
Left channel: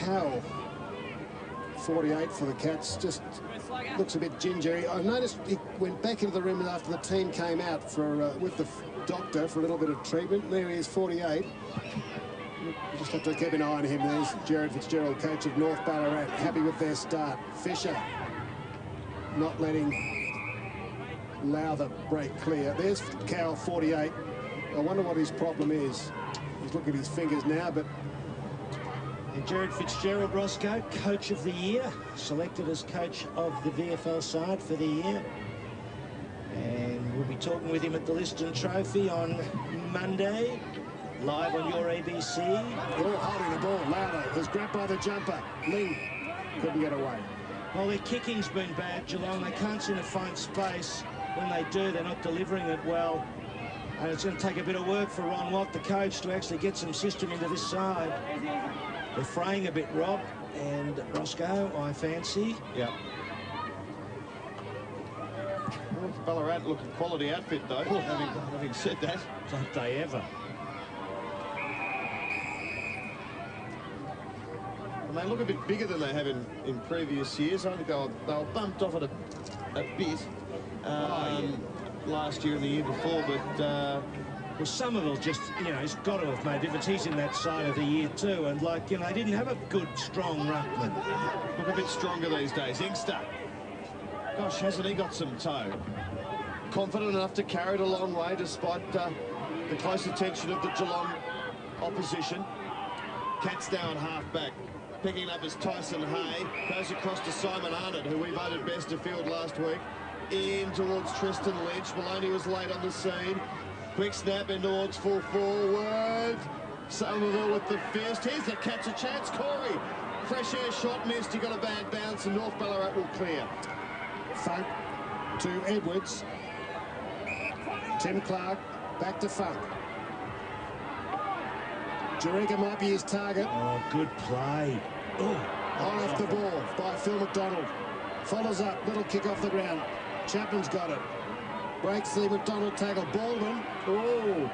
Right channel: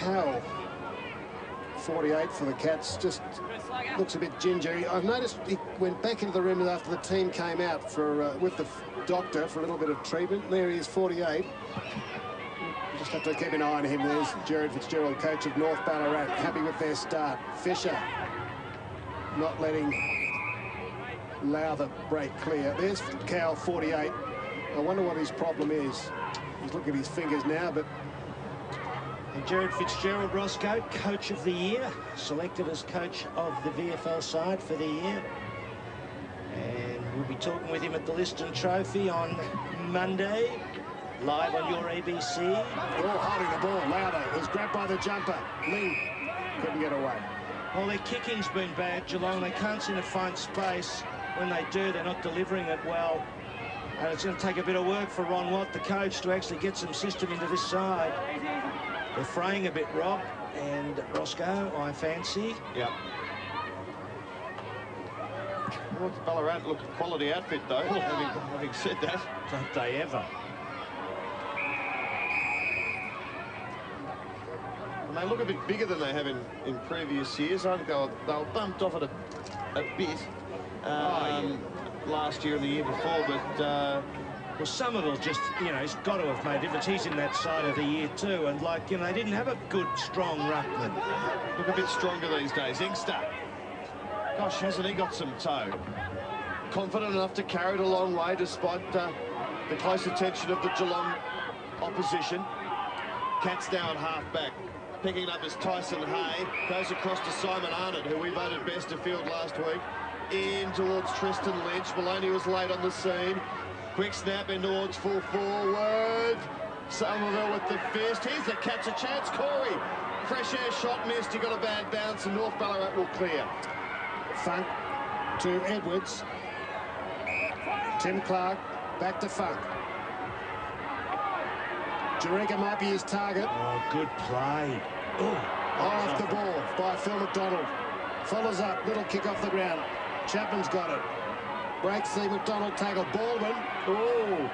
Cowell, 48 for the Cats, just looks a bit gingery. I noticed he went back into the room after the team came out for with the doctor for a little bit of treatment. There he is, 48. You just have to keep an eye on him. There's Jared Fitzgerald, coach of North Ballarat, happy with their start. Fisher not letting Lowther break clear. There's Cowell, 48. I wonder what his problem is. He's looking at his fingers now, but Jared Fitzgerald, Roscoe, Coach of the Year, selected as coach of the VFL side for the year. And we'll be talking with him at the Liston Trophy on Monday, live on your ABC. Oh, holding the ball. Lowther was grabbed by the jumper. Lee couldn't get away. Well, their kicking's been bad, Geelong. They can't seem to find space. When they do, they're not delivering it well. And it's going to take a bit of work for Ron Watt, the coach, to actually get some system into this side. They're fraying a bit, Rob, and Roscoe, I fancy. Yeah. North Ballarat look a quality outfit, though, having said that. Don't they ever? And they look a bit bigger than they have in previous years. I think they were bumped off it a bit last year and the year before, but... well, Somerville just, you know, he's got to have made a difference. He's in that side of the year too, and like, you know, they didn't have a good, strong ruckman. Look a bit stronger these days. Inkster. Gosh, hasn't he got some toe? Confident enough to carry it a long way despite the close attention of the Geelong opposition. Cats now at half-back. Picking it up as Tyson Hay. Goes across to Simon Arnott, who we voted best of field last week. In towards Tristan Lynch. Maloney was late on the scene. Quick snap in towards full forward. Somerville with the fist. Here's the catch a chance. Corey. Fresh air shot missed. He got a bad bounce and North Ballarat will clear. Funk to Edwards. Tim Clark back to Funk. Jerica might be his target. Oh, good play. Oh, off the ball by Phil McDonald. Follows up. Little kick off the ground. Chapman's got it. Breaks the McDonald tackle. Baldwin. Oh,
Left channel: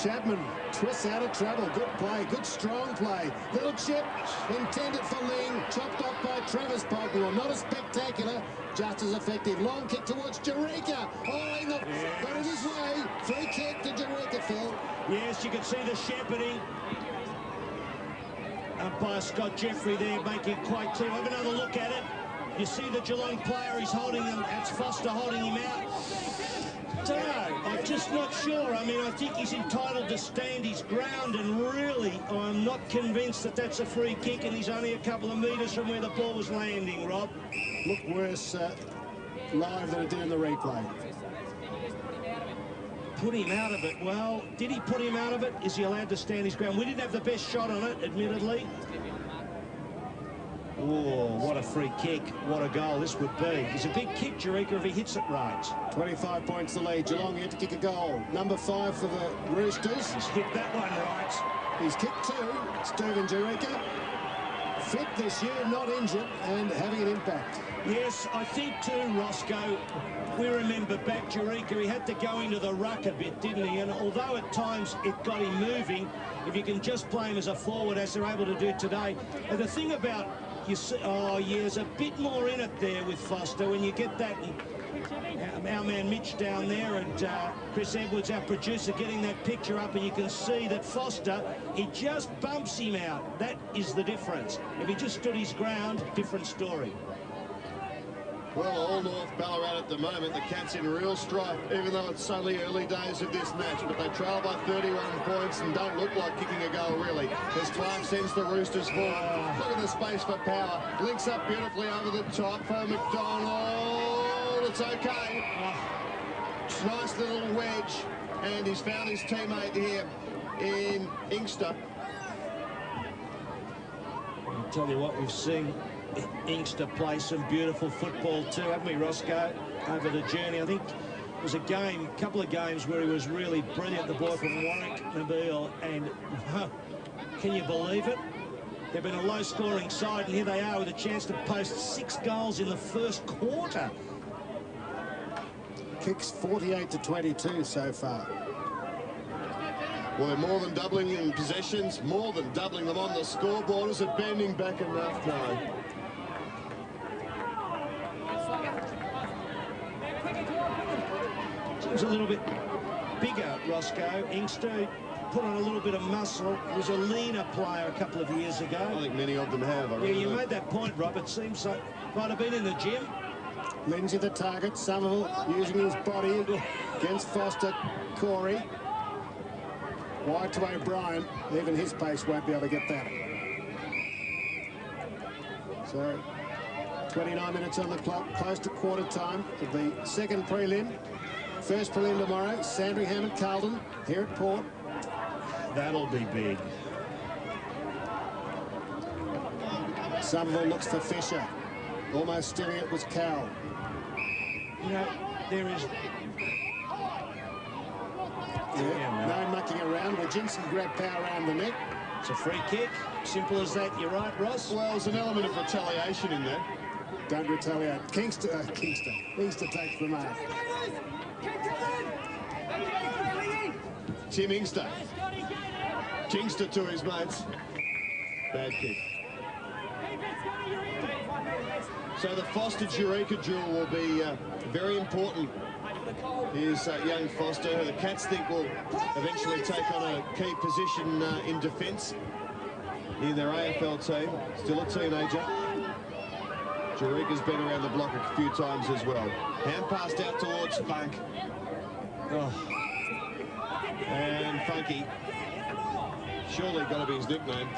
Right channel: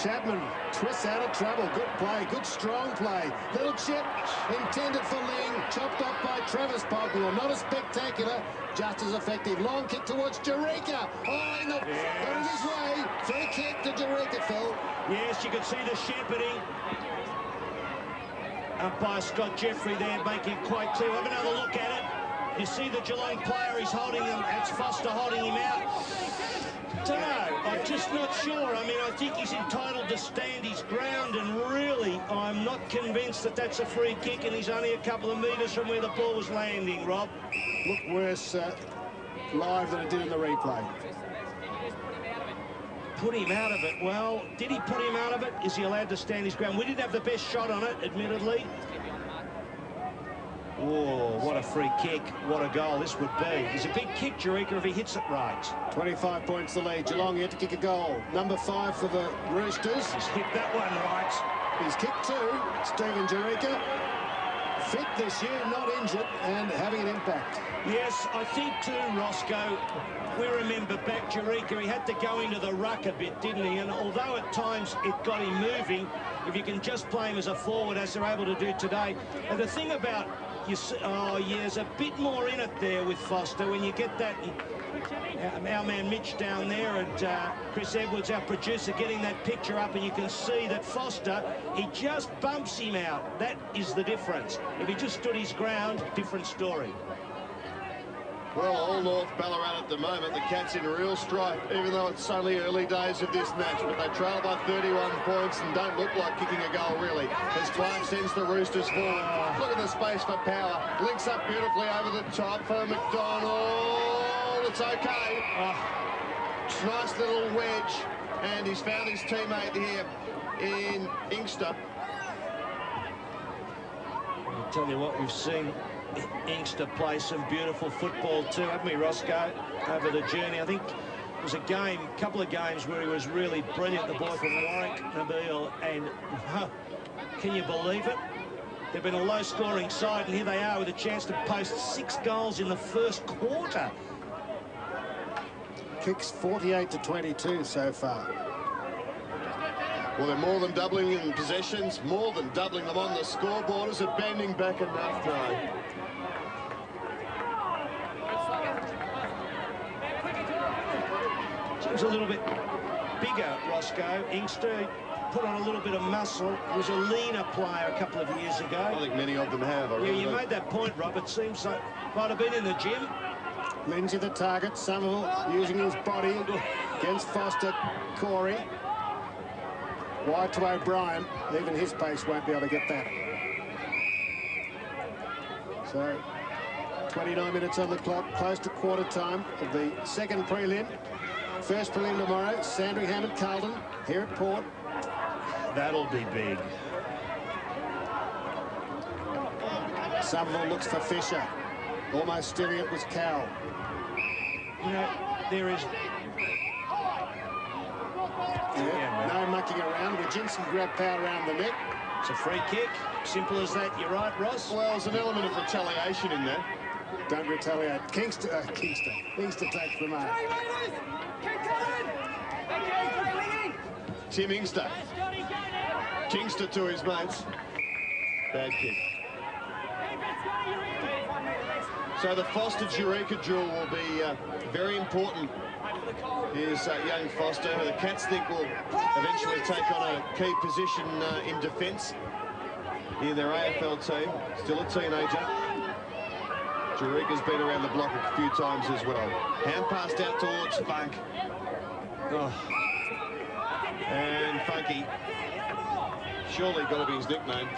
Chapman twists out of trouble. Good play. Good strong play. Little chip intended for Ling. Chopped off by Travis Pogmore. Not as spectacular. Just as effective. Long kick towards Jerica. Oh, in the... Got it his way. Free kick to Jerica, Phil. Yes, you can see the shepherding. Umpire Scott Jeffrey there making quite clear. Have another look at it. You see the Geelong player, he's holding him. That's Foster holding him out. Don't know. I'm just not sure. I mean, I think he's entitled to stand his ground, and really, I'm not convinced that that's a free kick, and he's only a couple of metres from where the ball was landing, Rob. Looked worse live than it did in the replay. Put him out of it. Well, did he put him out of it? Is he allowed to stand his ground? We didn't have the best shot on it, admittedly. Oh, what a free kick. What a goal this would be. It's a big kick, Jerica, if he hits it right. 25 points the lead. Geelong yet to kick a goal. Number 5 for the Roosters. He's hit that one right. He's kicked 2. Stephen Jerica. Fit this year, not injured, and having an impact. Yes, I think too, Roscoe, we remember back Jerica, he had to go into the ruck a bit, didn't he? And although at times it got him moving, if you can just play him as a forward, as they're able to do today. And the thing about, oh yeah, there's a bit more in it there with Foster when you get that. Our man Mitch down there and Chris Edwards, our producer, getting that picture up, and you can see that Foster, he just bumps him out. That is the difference. If he just stood his ground, different story. Well, all North Ballarat at the moment, the Cats in real strife, even though it's only early days of this match, but they trail by 31 points and don't look like kicking a goal, really. As Clark sends the Roosters forward. Look at the space for power. Links up beautifully over the top for McDonald. It's okay. Nice little wedge, and he's found his teammate here in Inkster. I'll tell you what, we've seen Inkster play some beautiful football too, haven't we, Roscoe? Over the journey. I think there was a couple of games where he was really brilliant, the boy from Warwick, Nabil, and can you believe it? They've been a low-scoring side, and here they are with a chance to post 6 goals in the first quarter. Kicks 48 to 22 so far. Well, they're more than doubling in possessions, more than doubling them on the scoreboard. Is it bending back enough? No. Seems a little bit bigger, Roscoe. Inkster put on a little bit of muscle. He was a leaner player a couple of years ago. I think many of them have. Yeah, you made that point, Rob. It seems like might have been in the gym. Lindsay the target. Somerville using his body against Foster. Corey. Wide to O'Brien. Even his pace won't be able to get that. So, 29 minutes on the clock, close to quarter time of the second prelim. First prelim tomorrow, Sandringham and Carlton here at Port. That'll be big. Somerville looks for Fisher. Almost stealing it was Cowell. You know, there is... Yeah, no mucking around. Jensen grabbed power around the neck. It's a free kick. Simple as that. You're right, Ross. Well, there's an element of retaliation in there. Don't retaliate. Inkster takes the mark. Tim Inkster. Kingster to his mates. Bad kick. So the Foster-Eureka duel will be very important. Here's young Foster, who the Cats think will eventually take on a key position in defence in their AFL team. Still a teenager. Eureka's been around the block a few times as well. Hand passed out towards Funk. Oh. And Funky. Surely got to be his nickname.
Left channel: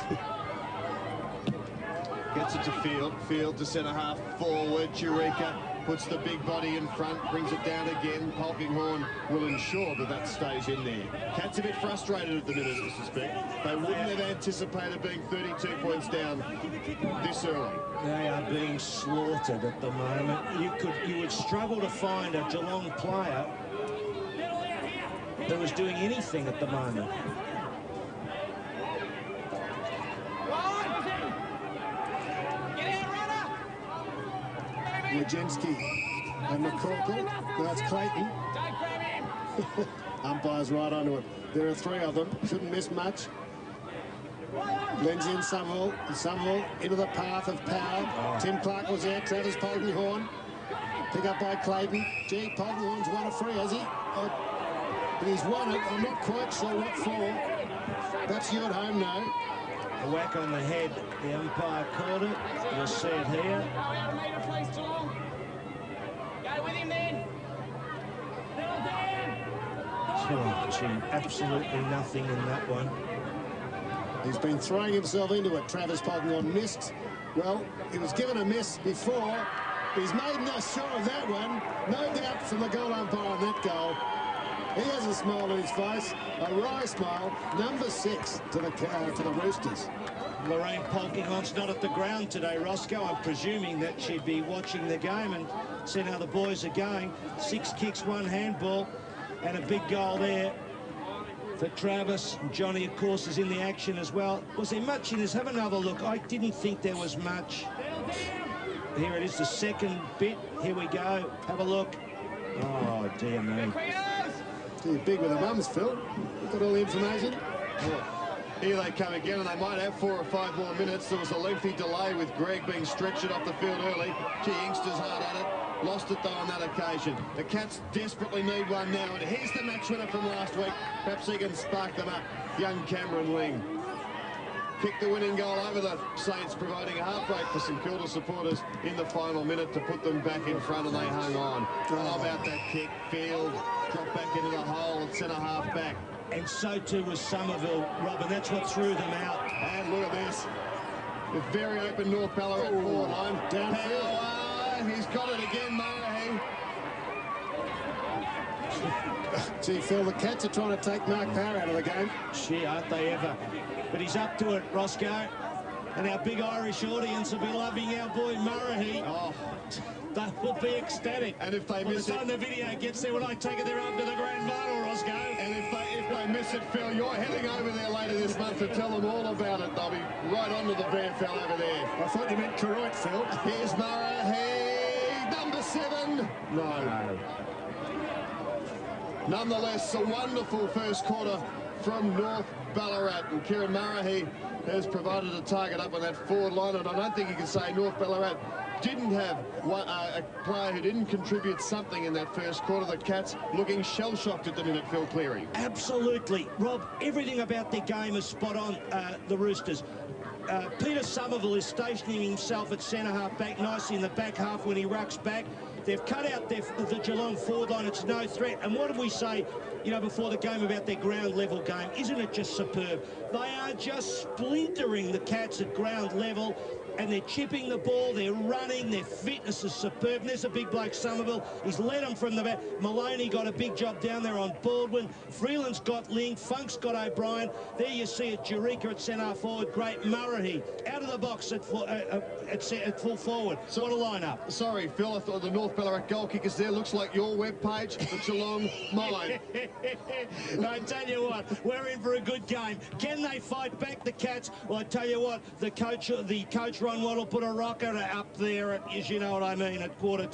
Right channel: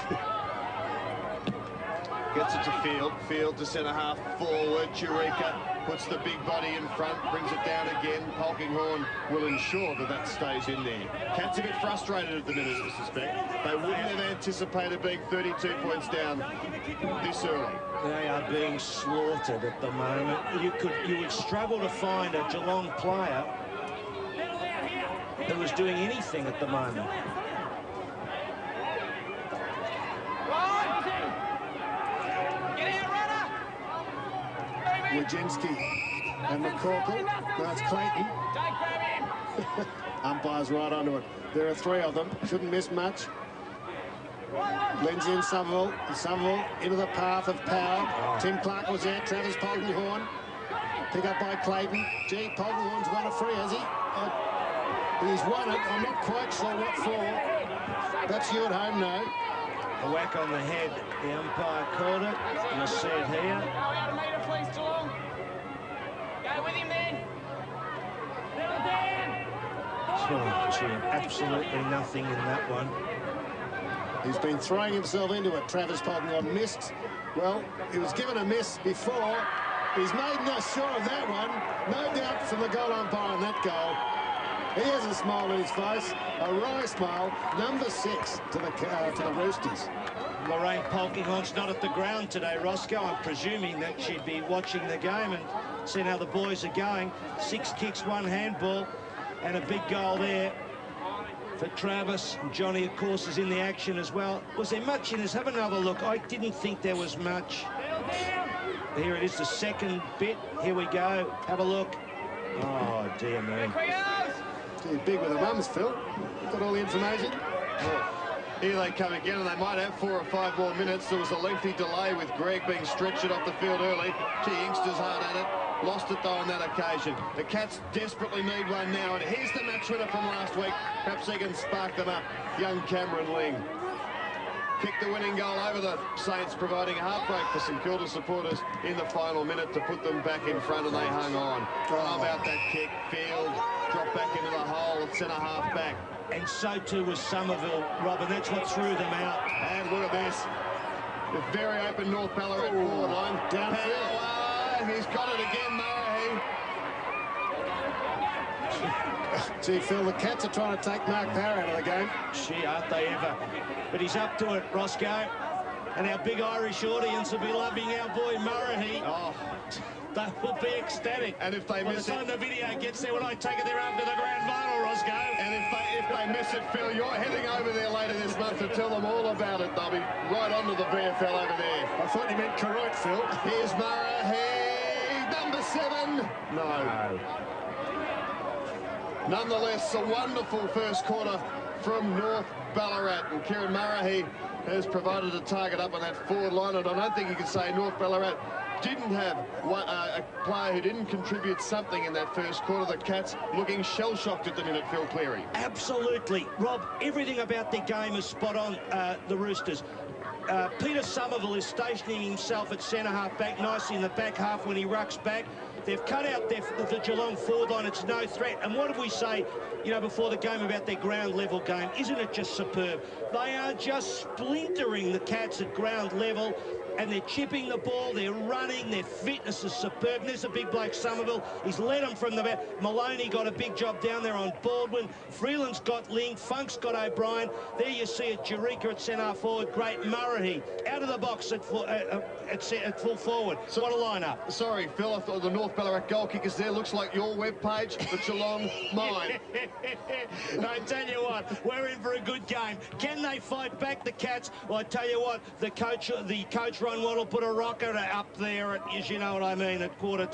Gets it to Field. Field to centre half forward. Eureka puts the big body in front, brings it down again. Polkinghorne will ensure that that stays in there. Cats a bit frustrated at the minute, I suspect. They wouldn't have anticipated being 32 points down this early. They are being slaughtered at the moment. You would struggle to find a Geelong player that was doing anything at the moment. Wojcinski and McCorkle. Now it's Clayton. Umpire's right onto it. There are 3 of them. Shouldn't miss much. Lindsay and Somerville. And Somerville into the path of power. Tim Clark was there. Travis Polkinghorne. Pick up by Clayton. Gee, Polkinghorne's won a free, has he? But he's won it. I'm not quite sure what for. That's you at home now. A whack on the head. The umpire called it. You'll see it here. Oh, gee, absolutely nothing in that one. He's been throwing himself into it. Travis Polkinghorne missed. Well, he was given a miss before. He's made no sure of that one. No doubt from the goal umpire on that goal. He has a smile on his face, a wry smile. Number 6 to the Roosters. Lorraine Polkinghorne's not at the ground today, Roscoe. I'm presuming that she'd be watching the game and seeing how the boys are going. 6 kicks, 1 handball, and a big goal there for Travis. And Johnny, of course, is in the action as well. Was there much in this? Have another look. I didn't think there was much. Here it is, the second bit. Here we go. Have a look. Oh, dear me. Too big with the mums, Phil. You've got all the information. Well, here they come again, and they might have 4 or 5 more minutes. There was a lengthy delay with Greg being stretched off the field early. Gee, Inkster's hard at it. Lost it, though, on that occasion. The Cats desperately need one now, and here's the match winner from last week. Perhaps he can spark them up. Young Cameron Ling. Kicked the winning goal over the Saints, providing a heartbreak for St Kilda supporters in the final minute to put them back in front, and they hung on. How about that kick? Field dropped back into the hole, centre half back. And so too was Somerville, Rob, and that's what threw them out. And look at this. The very open North Ballarat forward line. Downfield. He's got it again, Murray. Gee, Phil, the Cats are trying to take Mark Power out of the game. Gee, aren't they ever? But he's up to it, Roscoe. And our big Irish audience will be loving our boy Murray. Oh, They will be ecstatic. And if they miss it... By the time the video gets there, when I take it there up to the grand final, Roscoe. And if they miss it, Phil, you're heading over there later this month to tell them all about it. They'll be right onto the VFL over there. I thought you meant Karoit, Phil. Here's Murray, number 7. No. Nonetheless, a wonderful first quarter from North Ballarat. And Kieran Murray has provided a target up on that forward line. And I don't think you can say North Ballarat didn't have a player who didn't contribute something in that first quarter. The Cats looking shell-shocked at the minute, Phil Cleary. Absolutely. Rob, everything about their game is spot on, the Roosters. Peter Somerville is stationing himself at centre-half back nicely in the back half when he rucks back. They've cut out the Geelong forward line. It's no threat. And what did we say, you know, before the game about their ground level game? Isn't it just superb? They are just splintering the Cats at ground level, and they're chipping the ball, they're running, their fitness is superb. And there's a big bloke, Somerville. He's led them from the back. Maloney got a big job down there on Baldwin. Freeland's got Ling. Funk's got O'Brien. There you see it, Jerica at centre forward. Great. Murray out of the box at full forward. So what a lineup. Sorry, Phil, I thought the North Ballarat goal kickers there looks like your webpage, but Geelong mine. I tell you what, we're in for a good game. Can they fight back, the Cats? Well, I tell you what, the coach Ron Watt will put a rocker up there at, you know what I mean, at quarter